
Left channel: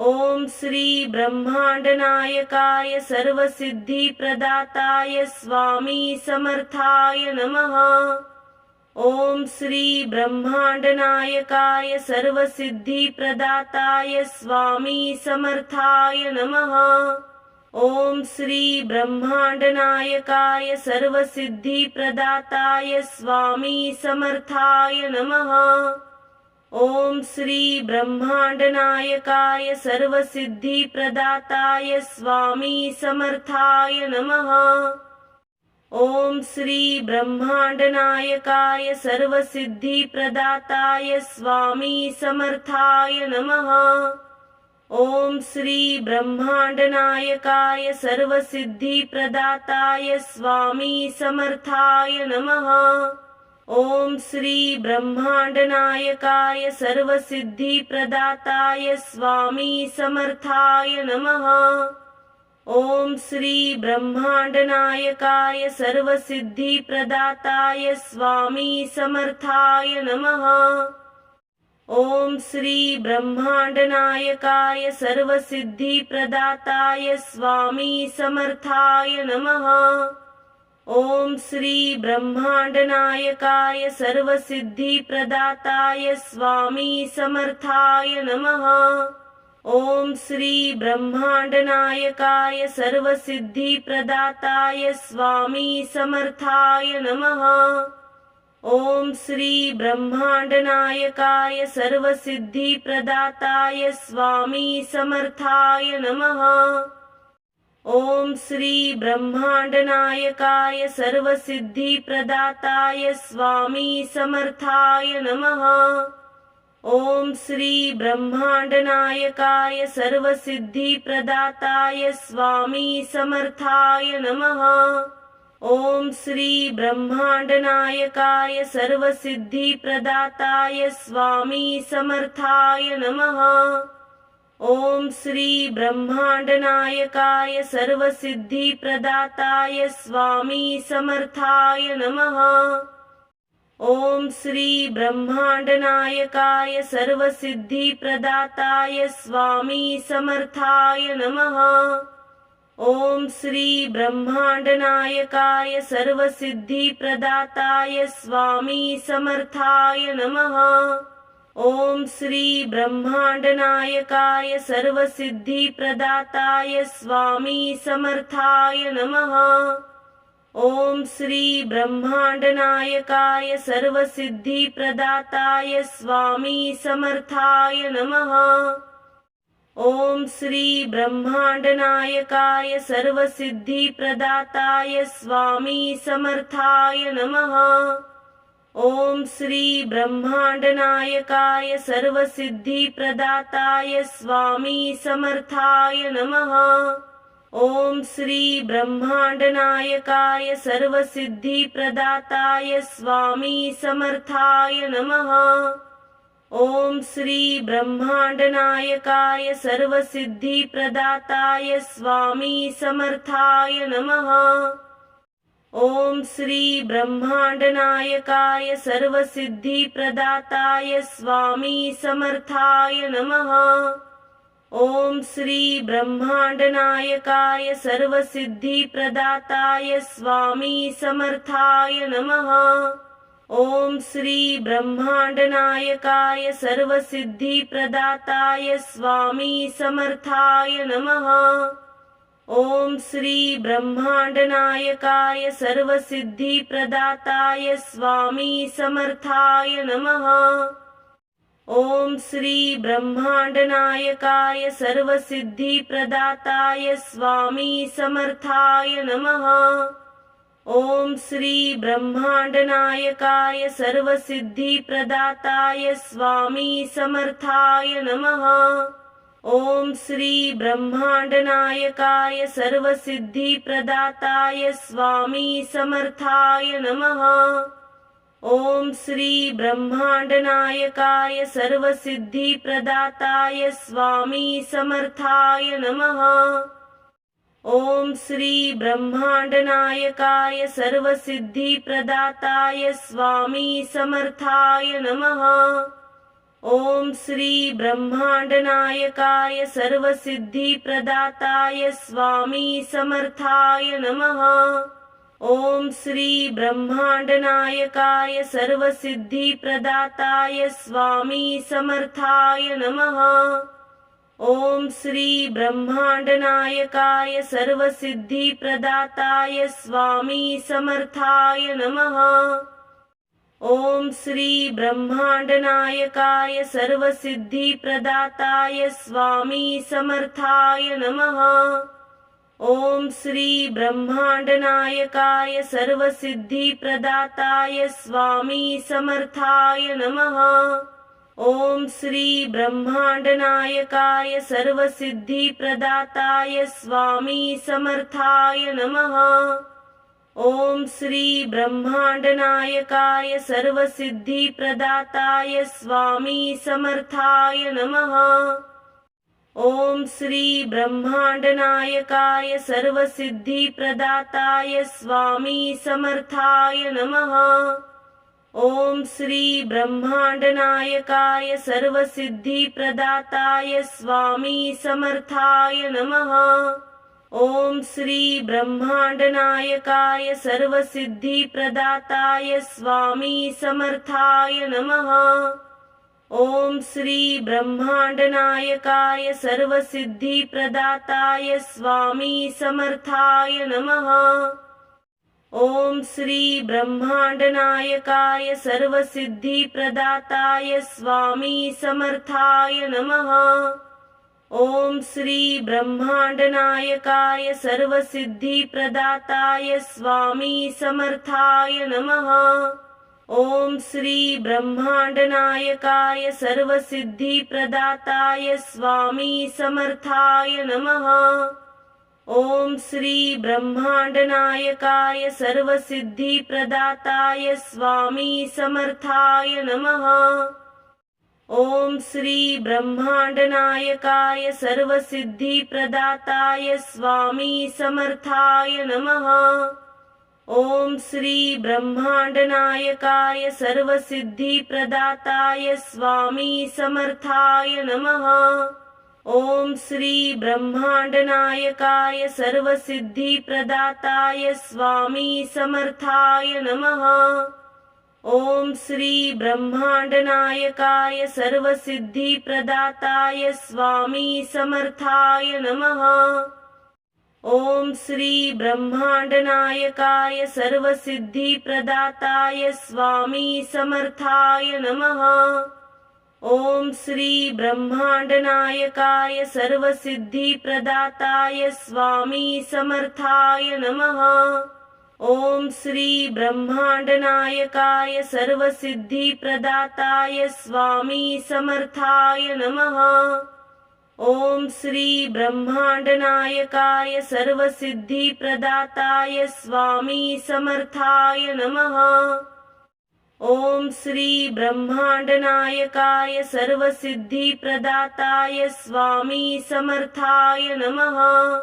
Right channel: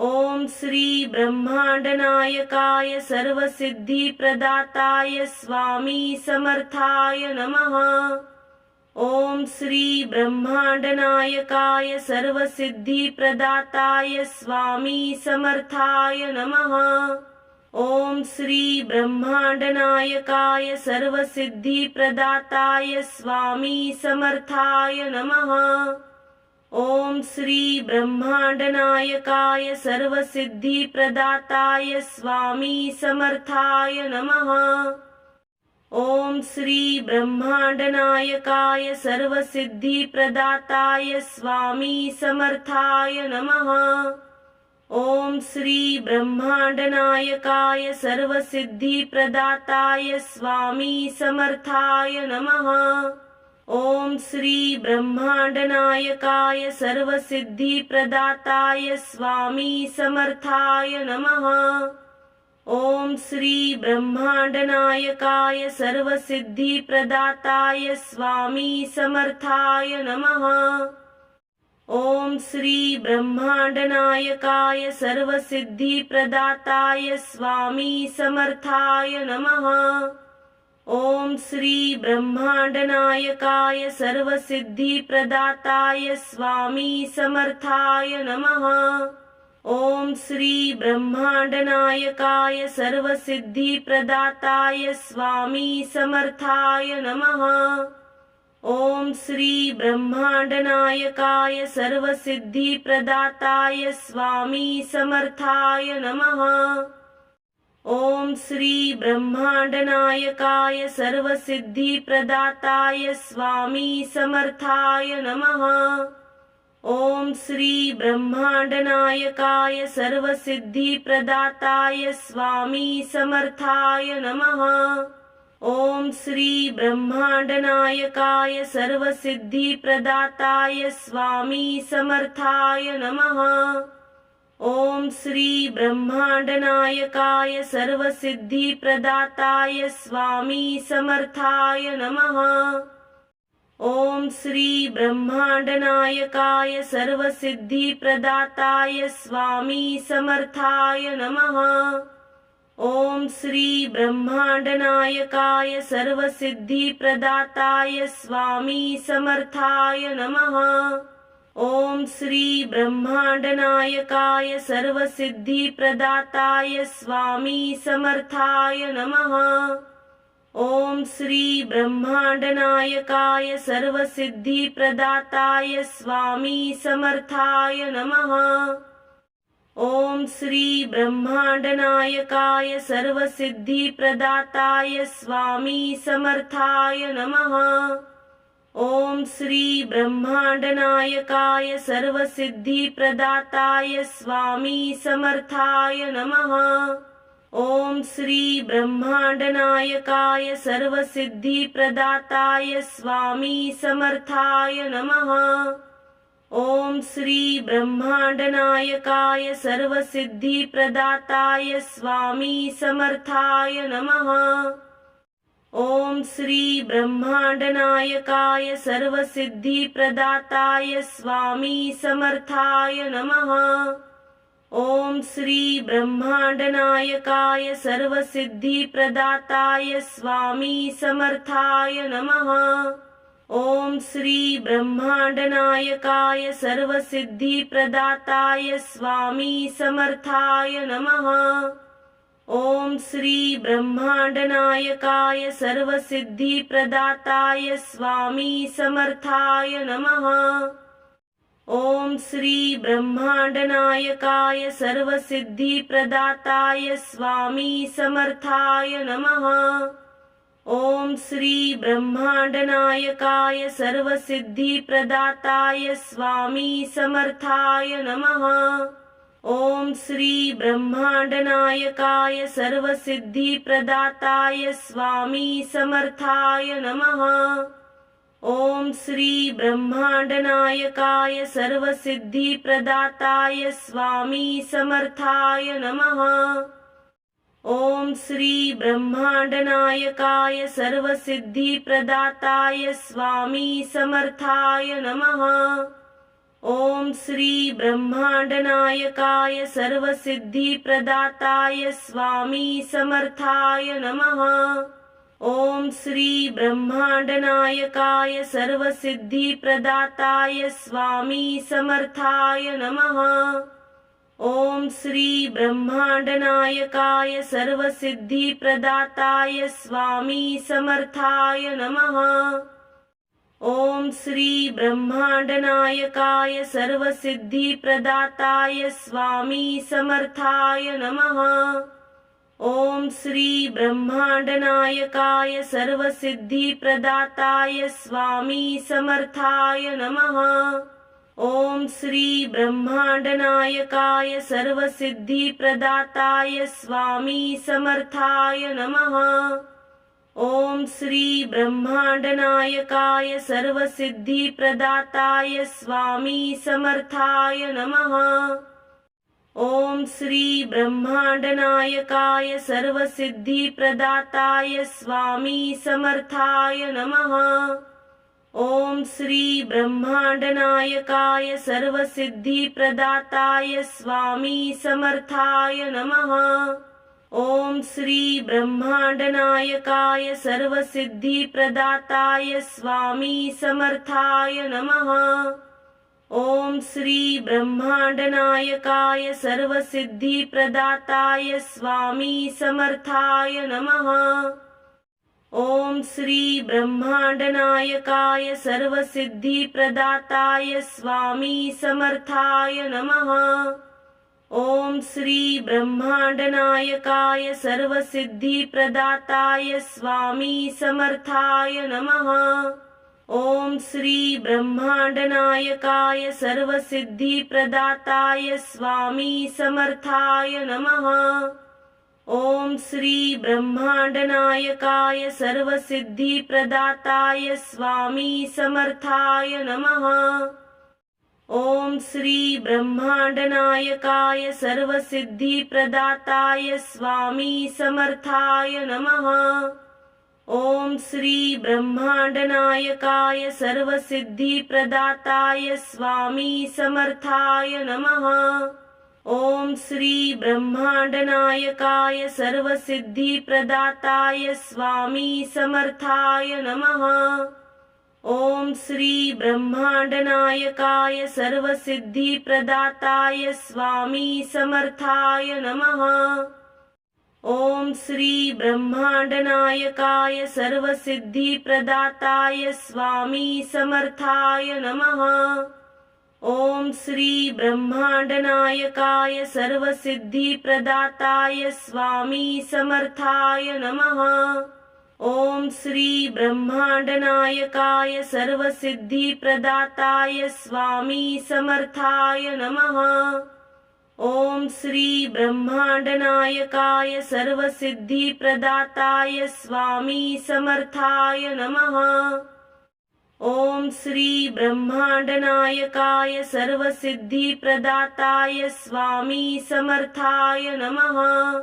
ओम श्री ब्रह्मांडनायकाय सर्वसिद्धिप्रदाताय स्वामी समर्थाय नमः। ओम श्री ब्रह्मांडनायकाय सर्वसिद्धिप्रदाताय स्वामी समर्थाय नमः। ओम श्री ब्रह्मांडनायकाय सर्वसिद्धिप्रदाताय स्वामी समर्थाय नमः। ओम श्री ब्रह्मांडनायकाय सर्वसिद्धिप्रदाताय स्वामी समर्थाय नमः। ओम श्री ब्रह्मांडनायकाय सर्वसिद्धिप्रदाताय स्वामी समर्थाय नमः। ओम श्री ब्रह्मांडनायकाय सर्वसिद्धिप्रदाताय स्वामी समर्थाय नमः। ओम श्री ब्रह्मांडनायकाय सर्वसिद्धिप्रदाताय स्वामी समर्थाय नमः। ओम श्री ब्रह्मांडनायकाय सर्वसिद्धिप्रदाताय स्वामी समर्थाय नमः। ओम श्री ब्रह्मांडनायकाय सर्वसिद्धिप्रदाताय स्वामी समर्थाय नमः। ओम श्री ब्रह्मांडनायकाय सर्वसिद्धिप्रदाताय स्वामी समर्थाय नमः। ओम श्री ब्रह्मांडनायकाय सर्वसिद्धिप्रदाताय स्वामी समर्थाय नमः। ओम श्री ब्रह्मांडनायकाय सर्वसिद्धिप्रदाताय स्वामी समर्थाय नमः। ओम श्री ब्रह्मांडनायकाय सर्वसिद्धिप्रदाताय स्वामी समर्थाय नमः। ओम श्री ब्रह्मांडनायकाय सर्वसिद्धिप्रदाताय स्वामी समर्थाय नमः। ओम श्री ब्रह्मांडनायकाय सर्वसिद्धिप्रदाताय स्वामी समर्थाय नमः। ओम श्री ब्रह्मांडनायकाय सर्वसिद्धिप्रदाताय स्वामी समर्थाय नमः। ओम श्री ब्रह्मांडनायकाय सर्वसिद्धिप्रदाताय स्वामी समर्थाय नमः। ओम श्री ब्रह्मांडनायकाय सर्वसिद्धिप्रदाताय स्वामी समर्थाय नमः। ओम श्री ब्रह्मांडनायकाय सर्वसिद्धिप्रदाताय स्वामी समर्थाय नमः। ओम श्री ब्रह्मांडनायकाय सर्वसिद्धिप्रदाताय स्वामी समर्थाय नमः। ओम श्री ब्रह्मांडनायकाय सर्वसिद्धिप्रदाताय स्वामी समर्थाय नमः। ओम श्री ब्रह्मांडनायकाय सर्वसिद्धिप्रदाताय स्वामी समर्थाय नमः। ओम श्री ब्रह्मांडनायकाय सर्वसिद्धिप्रदाताय स्वामी समर्थाय नमः। ओम श्री ब्रह्मांडनायकाय सर्वसिद्धिप्रदाताय स्वामी समर्थाय नमः। ओम श्री ब्रह्मांडनायकाय सर्वसिद्धिप्रदाताय स्वामी समर्थाय नमः। ओम श्री ब्रह्मांडनायकाय सर्वसिद्धिप्रदाताय स्वामी समर्थाय नमः। ओम श्री ब्रह्मांडनायकाय सर्वसिद्धिप्रदाताय स्वामी समर्थाय नमः। ओम श्री ब्रह्मांडनायकाय सर्वसिद्धिप्रदाताय स्वामी समर्थाय नमः। ओम श्री ब्रह्मांडनायकाय सर्वसिद्धिप्रदाताय स्वामी समर्थाय नमः। ओम श्री ब्रह्मांडनायकाय सर्वसिद्धिप्रदाताय स्वामी समर्थाय नमः। ओम श्री ब्रह्मांडनायकाय सर्वसिद्धिप्रदाताय स्वामी समर्थाय नमः। ओम श्री ब्रह्मांडनायकाय सर्वसिद्धिप्रदाताय स्वामी समर्थाय नमः। ओम श्री ब्रह्मांडनायकाय सर्वसिद्धिप्रदाताय स्वामी समर्थाय नमः। ओम श्री ब्रह्मांडनायकाय सर्वसिद्धिप्रदाताय स्वामी समर्थाय नमः। ओम श्री ब्रह्मांडनायकाय सर्वसिद्धिप्रदाताय स्वामी समर्थाय नमः। ओम श्री ब्रह्मांडनायकाय सर्वसिद्धिप्रदाताय स्वामी समर्थाय नमः। ओम श्री ब्रह्मांडनायकाय सर्वसिद्धिप्रदाताय स्वामी समर्थाय नमः। ओम श्री ब्रह्मांडनायकाय सर्वसिद्धिप्रदाताय स्वामी समर्थाय नमः। ओम श्री ब्रह्मांडनायकाय सर्वसिद्धिप्रदाताय स्वामी समर्थाय नमः। ओम श्री ब्रह्मांडनायकाय सर्वसिद्धिप्रदाताय स्वामी समर्थाय नमः। ओम श्री ब्रह्मांडनायकाय सर्वसिद्धिप्रदाताय स्वामी समर्थाय नमः। ओम श्री ब्रह्मांडनायकाय सर्वसिद्धिप्रदाताय स्वामी समर्थाय नमः। ओम श्री ब्रह्मांडनायकाय सर्वसिद्धिप्रदाताय स्वामी समर्थाय नमः। ओम श्री ब्रह्मांडनायकाय सर्वसिद्धिप्रदाताय स्वामी समर्थाय नमः। ओम श्री ब्रह्मांडनायकाय सर्वसिद्धिप्रदाताय स्वामी समर्थाय नमः। ओम श्री ब्रह्मांडनायकाय सर्वसिद्धिप्रदाताय स्वामी समर्थाय नमः। ओम श्री ब्रह्मांडनायकाय सर्वसिद्धिप्रदाताय स्वामी समर्थाय नमः। ओम श्री ब्रह्मांडनायकाय सर्वसिद्धिप्रदाताय स्वामी समर्थाय नमः। ओम श्री ब्रह्मांडनायकाय सर्वसिद्धिप्रदाताय स्वामी समर्थाय नमः। ओम श्री ब्रह्मांडनायकाय सर्वसिद्धिप्रदाताय स्वामी समर्थाय नमः। ओम श्री ब्रह्मांडनायकाय सर्वसिद्धिप्रदाताय स्वामी समर्थाय नमः। ओम श्री ब्रह्मांडनायकाय सर्वसिद्धिप्रदाताय स्वामी समर्थाय नमः। ओम श्री ब्रह्मांडनायकाय सर्वसिद्धिप्रदाताय स्वामी समर्थाय नमः। ओम श्री ब्रह्मांडनायकाय सर्वसिद्धिप्रदाताय स्वामी समर्थाय नमः। ओम श्री ब्रह्मांडनायकाय सर्वसिद्धिप्रदाताय स्वामी समर्थाय नमः। ओम श्री ब्रह्मांडनायकाय सर्वसिद्धिप्रदाताय स्वामी समर्थाय नमः। ओम श्री ब्रह्मांडनायकाय सर्वसिद्धिप्रदाताय स्वामी समर्थाय नमः।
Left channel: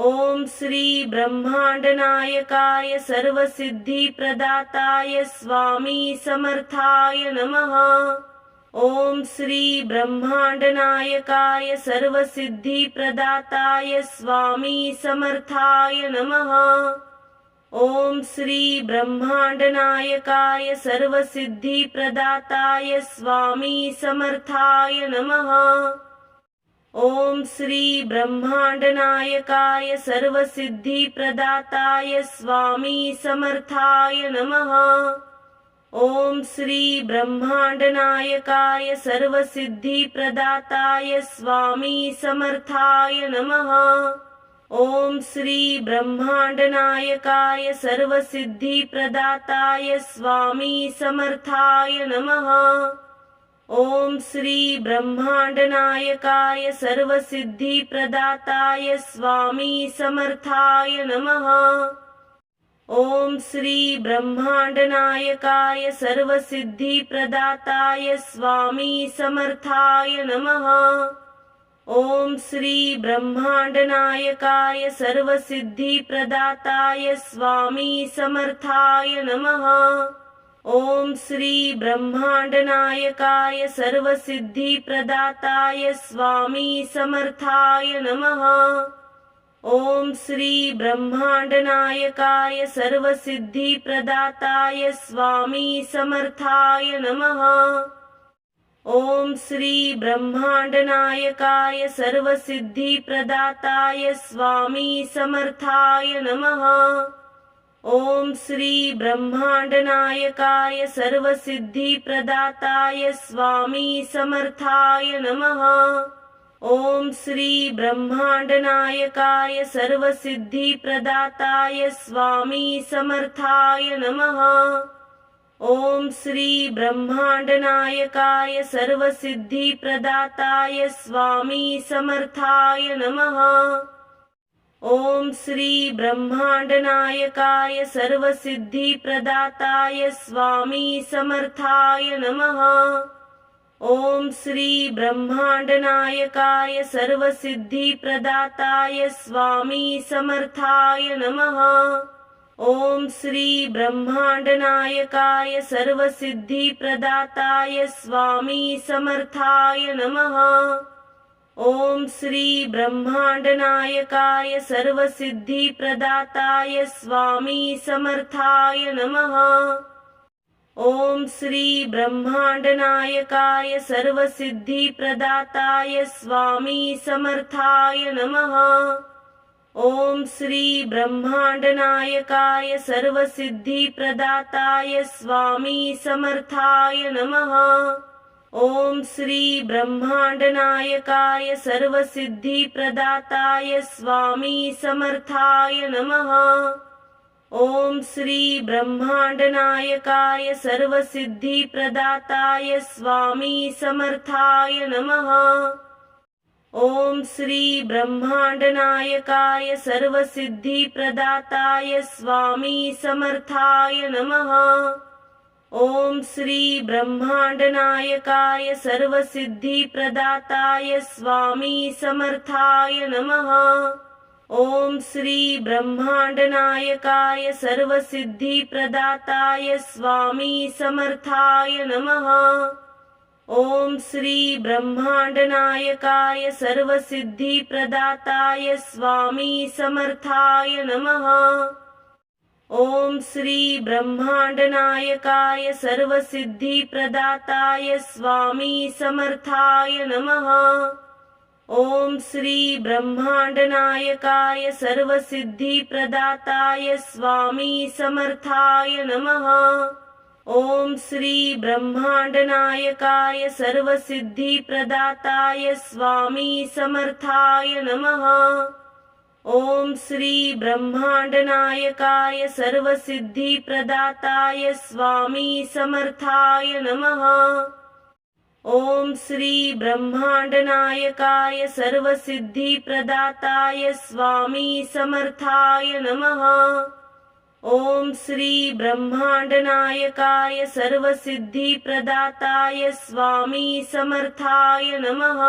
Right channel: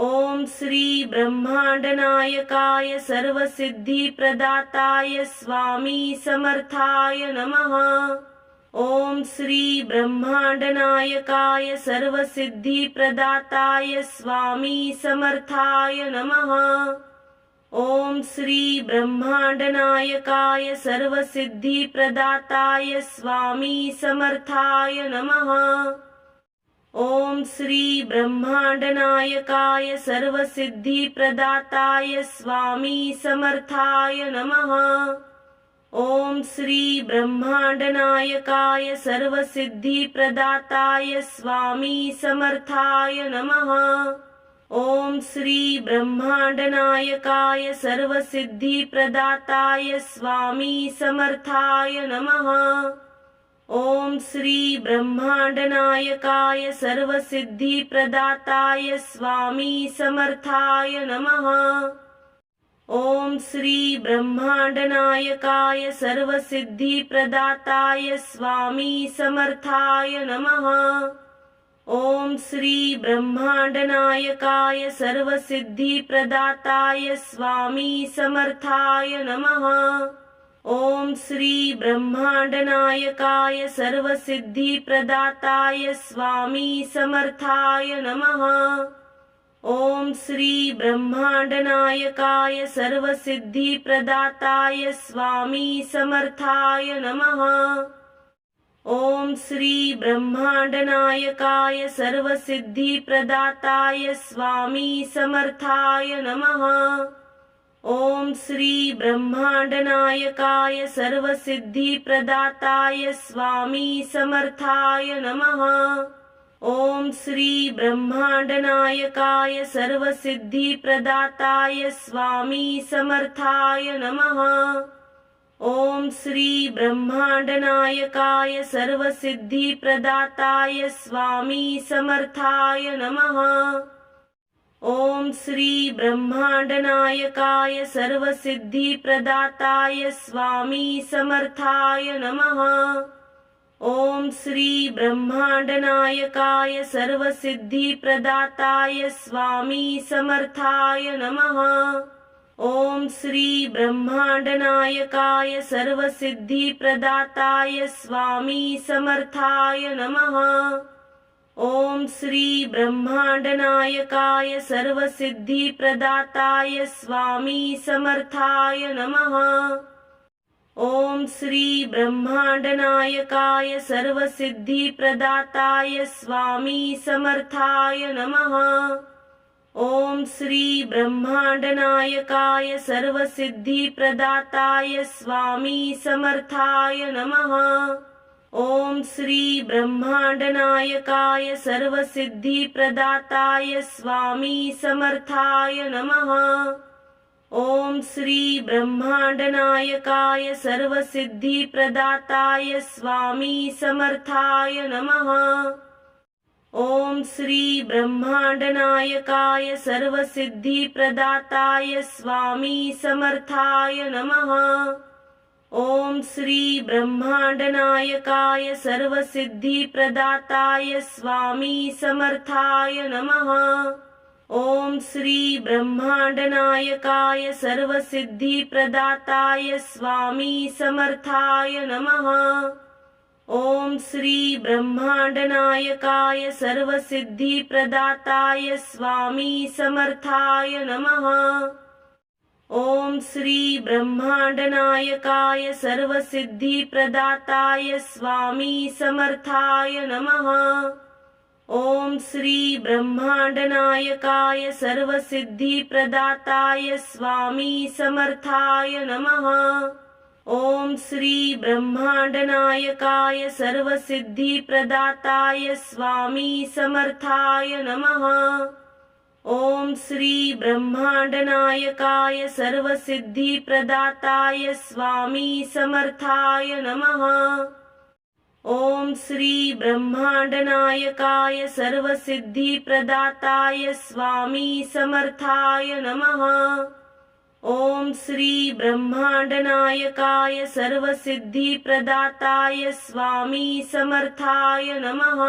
ओम श्री ब्रह्मांडनायकाय सर्वसिद्धिप्रदाताय स्वामी समर्थाय नमः। ओम श्री ब्रह्मांडनायकाय सर्वसिद्धिप्रदाताय स्वामी समर्थाय नमः। ओम श्री ब्रह्मांडनायकाय सर्वसिद्धिप्रदाताय स्वामी समर्थाय नमः। ओम श्री ब्रह्मांडनायकाय सर्वसिद्धिप्रदाताय स्वामी समर्थाय नमः। ओम श्री ब्रह्मांडनायकाय सर्वसिद्धिप्रदाताय स्वामी समर्थाय नमः। ओम श्री ब्रह्मांडनायकाय सर्वसिद्धिप्रदाताय स्वामी समर्थाय नमः। ओम श्री ब्रह्मांडनायकाय सर्वसिद्धिप्रदाताय स्वामी समर्थाय नमः। ओम श्री ब्रह्मांडनायकाय सर्वसिद्धिप्रदाताय स्वामी समर्थाय नमः। ओम श्री ब्रह्मांडनायकाय सर्वसिद्धिप्रदाताय स्वामी समर्थाय नमः। ओम श्री ब्रह्मांडनायकाय सर्वसिद्धिप्रदाताय स्वामी समर्थाय नमः। ओम श्री ब्रह्मांडनायकाय सर्वसिद्धिप्रदाताय स्वामी समर्थाय नमः। ओम श्री ब्रह्मांडनायकाय सर्वसिद्धिप्रदाताय स्वामी समर्थाय नमः। ओम श्री ब्रह्मांडनायकाय सर्वसिद्धिप्रदाताय स्वामी समर्थाय नमः। ओम श्री ब्रह्मांडनायकाय सर्वसिद्धिप्रदाताय स्वामी समर्थाय नमः। ओम श्री ब्रह्मांडनायकाय सर्वसिद्धिप्रदाताय स्वामी समर्थाय नमः। ओम श्री ब्रह्मांडनायकाय सर्वसिद्धिप्रदाताय स्वामी समर्थाय नमः। ओम श्री ब्रह्मांडनायकाय सर्वसिद्धिप्रदाताय स्वामी समर्थाय नमः। ओम श्री ब्रह्मांडनायकाय सर्वसिद्धिप्रदाताय स्वामी समर्थाय नमः। ओम श्री ब्रह्मांडनायकाय सर्वसिद्धिप्रदाताय स्वामी समर्थाय नमः। ओम श्री ब्रह्मांडनायकाय सर्वसिद्धिप्रदाताय स्वामी समर्थाय नमः। ओम श्री ब्रह्मांडनायकाय सर्वसिद्धिप्रदाताय स्वामी समर्थाय नमः। ओम श्री ब्रह्मांडनायकाय सर्वसिद्धिप्रदाताय स्वामी समर्थाय नमः। ओम श्री ब्रह्मांडनायकाय सर्वसिद्धिप्रदाताय स्वामी समर्थाय नमः। ओम श्री ब्रह्मांडनायकाय सर्वसिद्धिप्रदाताय स्वामी समर्थाय नमः। ओम श्री ब्रह्मांडनायकाय सर्वसिद्धिप्रदाताय स्वामी समर्थाय नमः। ओम श्री ब्रह्मांडनायकाय सर्वसिद्धिप्रदाताय स्वामी समर्थाय नमः। ओम श्री ब्रह्मांडनायकाय सर्वसिद्धिप्रदाताय स्वामी समर्थाय नमः। ओम श्री ब्रह्मांडनायकाय सर्वसिद्धिप्रदाताय स्वामी समर्थाय नमः। ओम श्री ब्रह्मांडनायकाय सर्वसिद्धिप्रदाताय स्वामी समर्थाय नमः। ओम श्री ब्रह्मांडनायकाय सर्वसिद्धिप्रदाताय स्वामी समर्थाय नमः। ओम श्री ब्रह्मांडनायकाय सर्वसिद्धिप्रदाताय स्वामी समर्थाय नमः। ओम श्री ब्रह्मांडनायकाय सर्वसिद्धिप्रदाताय स्वामी समर्थाय नमः। ओम श्री ब्रह्मांडनायकाय सर्वसिद्धिप्रदाताय स्वामी समर्थाय नमः।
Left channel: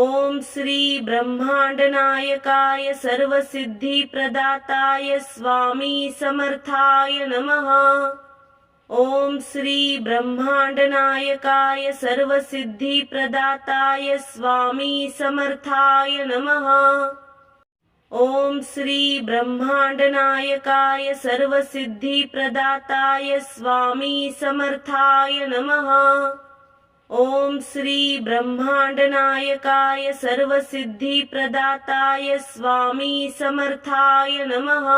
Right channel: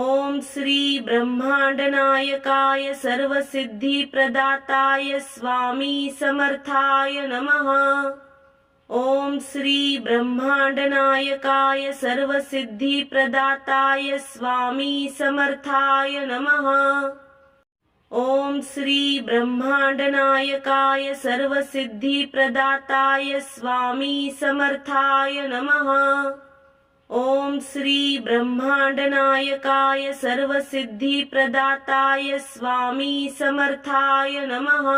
ओम श्री ब्रह्मांडनायकाय सर्वसिद्धिप्रदाताय स्वामी समर्थाय नमः। ओम श्री ब्रह्मांडनायकाय सर्वसिद्धिप्रदाताय स्वामी समर्थाय नमः। ओम श्री ब्रह्मांडनायकाय सर्वसिद्धिप्रदाताय स्वामी समर्थाय नमः। ओम श्री ब्रह्मांडनायकाय सर्वसिद्धिप्रदाताय स्वामी समर्थाय नमः।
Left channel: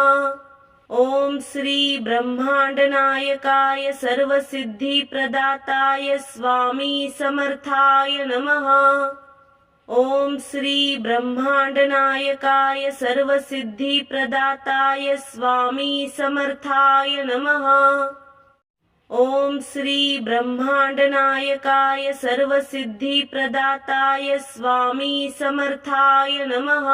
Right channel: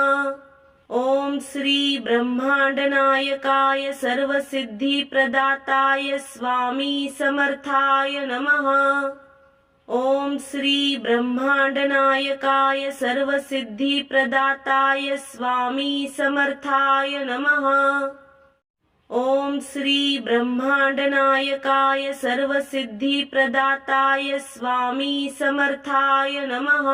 ओम श्री ब्रह्मांडनायकाय सर्वसिद्धिप्रदाताय स्वामी समर्थाय नमः। ओम श्री ब्रह्मांडनायकाय सर्वसिद्धिप्रदाताय स्वामी समर्थाय नमः। ओम श्री ब्रह्मांडनायकाय सर्वसिद्धिप्रदाताय स्वामी समर्थाय नमः।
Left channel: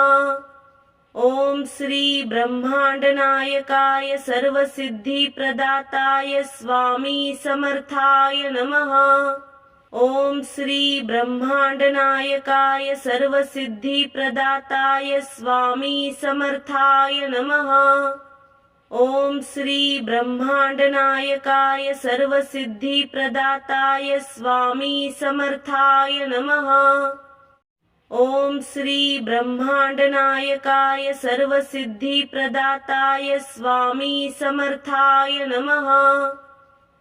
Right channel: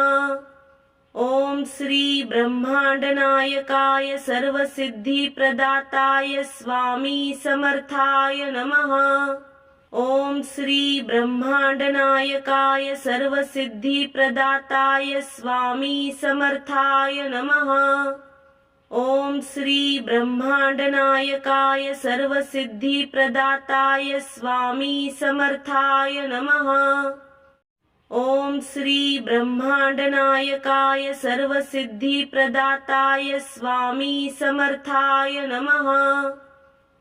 ओम श्री ब्रह्मांडनायकाय सर्वसिद्धिप्रदाताय स्वामी समर्थाय नमः। ओम श्री ब्रह्मांडनायकाय सर्वसिद्धिप्रदाताय स्वामी समर्थाय नमः। ओम श्री ब्रह्मांडनायकाय सर्वसिद्धिप्रदाताय स्वामी समर्थाय नमः। ओम श्री ब्रह्मांडनायकाय सर्वसिद्धिप्रदाताय स्वामी समर्थाय नमः।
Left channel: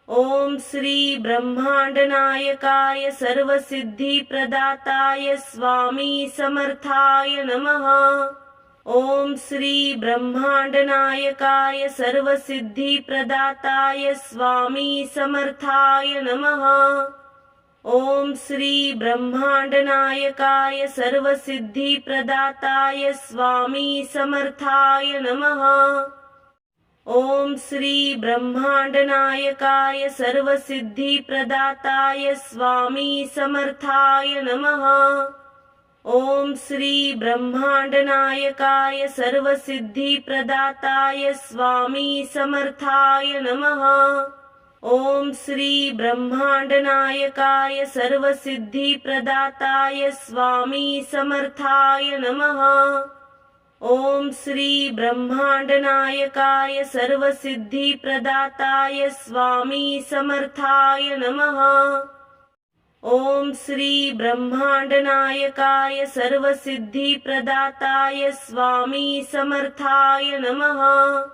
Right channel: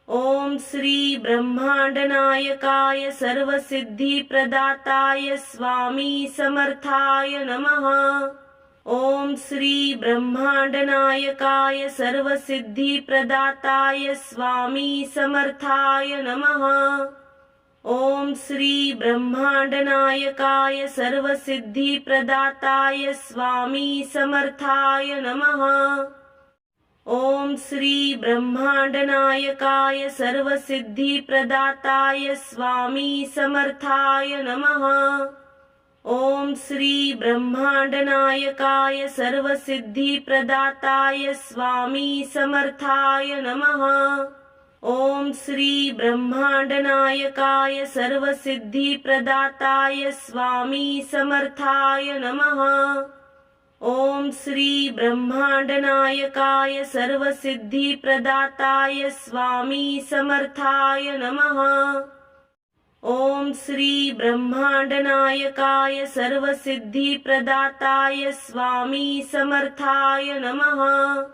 ओम श्री ब्रह्मांडनायकाय सर्वसिद्धिप्रदाताय स्वामी समर्थाय नमः। ओम श्री ब्रह्मांडनायकाय सर्वसिद्धिप्रदाताय स्वामी समर्थाय नमः। ओम श्री ब्रह्मांडनायकाय सर्वसिद्धिप्रदाताय स्वामी समर्थाय नमः। ओम श्री ब्रह्मांडनायकाय सर्वसिद्धिप्रदाताय स्वामी समर्थाय नमः। ओम श्री ब्रह्मांडनायकाय सर्वसिद्धिप्रदाताय स्वामी समर्थाय नमः। ओम श्री ब्रह्मांडनायकाय सर्वसिद्धिप्रदाताय स्वामी समर्थाय नमः। ओम श्री ब्रह्मांडनायकाय सर्वसिद्धिप्रदाताय स्वामी समर्थाय नमः। ओम श्री ब्रह्मांडनायकाय सर्वसिद्धिप्रदाताय स्वामी समर्थाय नमः।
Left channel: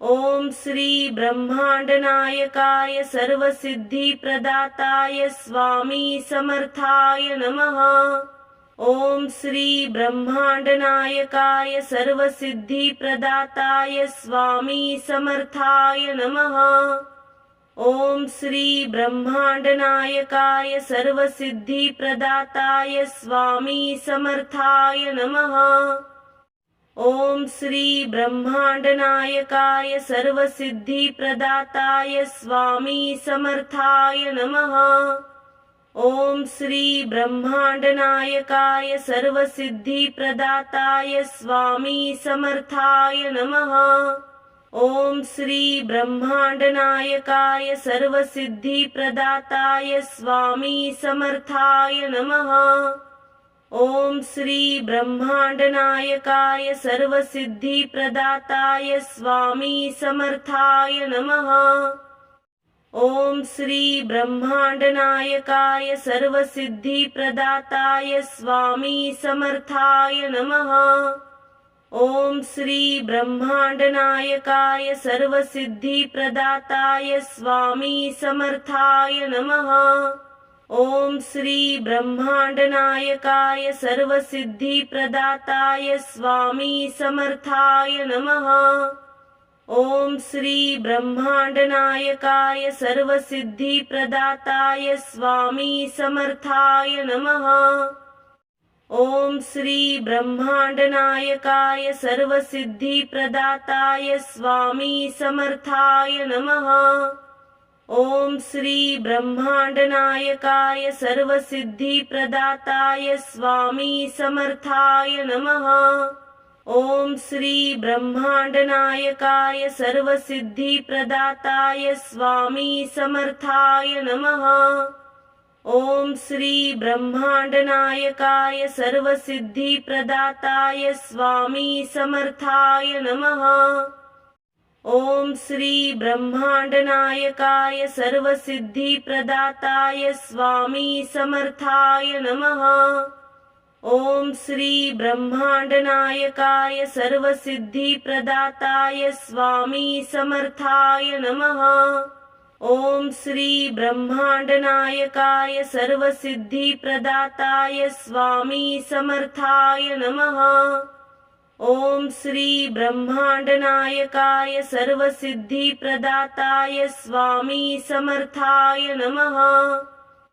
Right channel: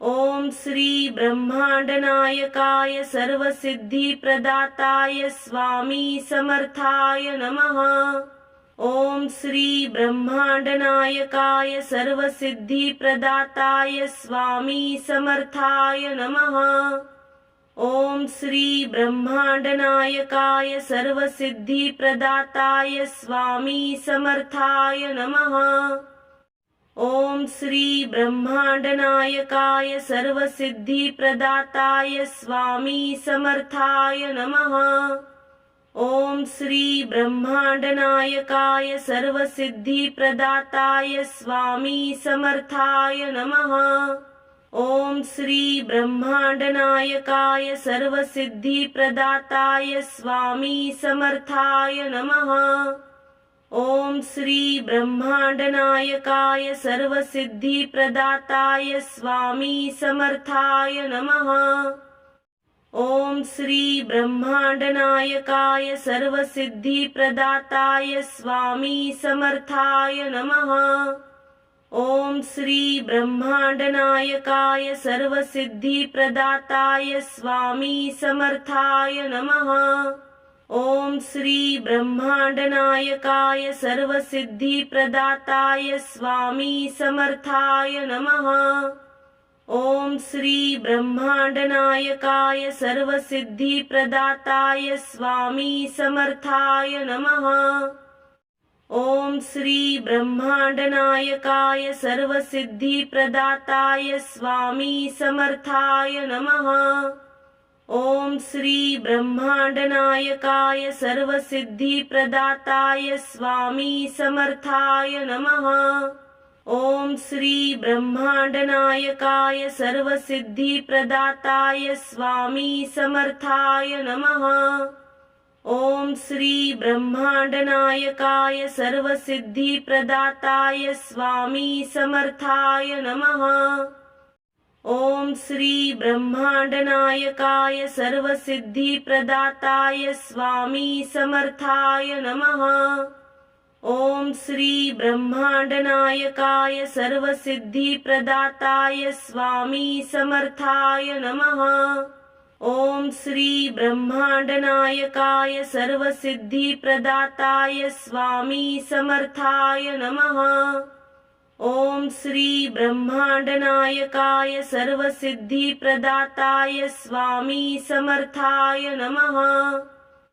ओम श्री ब्रह्मांडनायकाय सर्वसिद्धिप्रदाताय स्वामी समर्थाय नमः। ओम श्री ब्रह्मांडनायकाय सर्वसिद्धिप्रदाताय स्वामी समर्थाय नमः। ओम श्री ब्रह्मांडनायकाय सर्वसिद्धिप्रदाताय स्वामी समर्थाय नमः। ओम श्री ब्रह्मांडनायकाय सर्वसिद्धिप्रदाताय स्वामी समर्थाय नमः। ओम श्री ब्रह्मांडनायकाय सर्वसिद्धिप्रदाताय स्वामी समर्थाय नमः। ओम श्री ब्रह्मांडनायकाय सर्वसिद्धिप्रदाताय स्वामी समर्थाय नमः। ओम श्री ब्रह्मांडनायकाय सर्वसिद्धिप्रदाताय स्वामी समर्थाय नमः। ओम श्री ब्रह्मांडनायकाय सर्वसिद्धिप्रदाताय स्वामी समर्थाय नमः। ओम श्री ब्रह्मांडनायकाय सर्वसिद्धिप्रदाताय स्वामी समर्थाय नमः। ओम श्री ब्रह्मांडनायकाय सर्वसिद्धिप्रदाताय स्वामी समर्थाय नमः। ओम श्री ब्रह्मांडनायकाय सर्वसिद्धिप्रदाताय स्वामी समर्थाय नमः। ओम श्री ब्रह्मांडनायकाय सर्वसिद्धिप्रदाताय स्वामी समर्थाय नमः। ओम श्री ब्रह्मांडनायकाय सर्वसिद्धिप्रदाताय स्वामी समर्थाय नमः। ओम श्री ब्रह्मांडनायकाय सर्वसिद्धिप्रदाताय स्वामी समर्थाय नमः। ओम श्री ब्रह्मांडनायकाय सर्वसिद्धिप्रदाताय स्वामी समर्थाय नमः। ओम श्री ब्रह्मांडनायकाय सर्वसिद्धिप्रदाताय स्वामी समर्थाय नमः। ओम श्री ब्रह्मांडनायकाय सर्वसिद्धिप्रदाताय स्वामी समर्थाय नमः। ओम श्री ब्रह्मांडनायकाय सर्वसिद्धिप्रदाताय स्वामी समर्थाय नमः। ओम श्री ब्रह्मांडनायकाय सर्वसिद्धिप्रदाताय स्वामी समर्थाय नमः।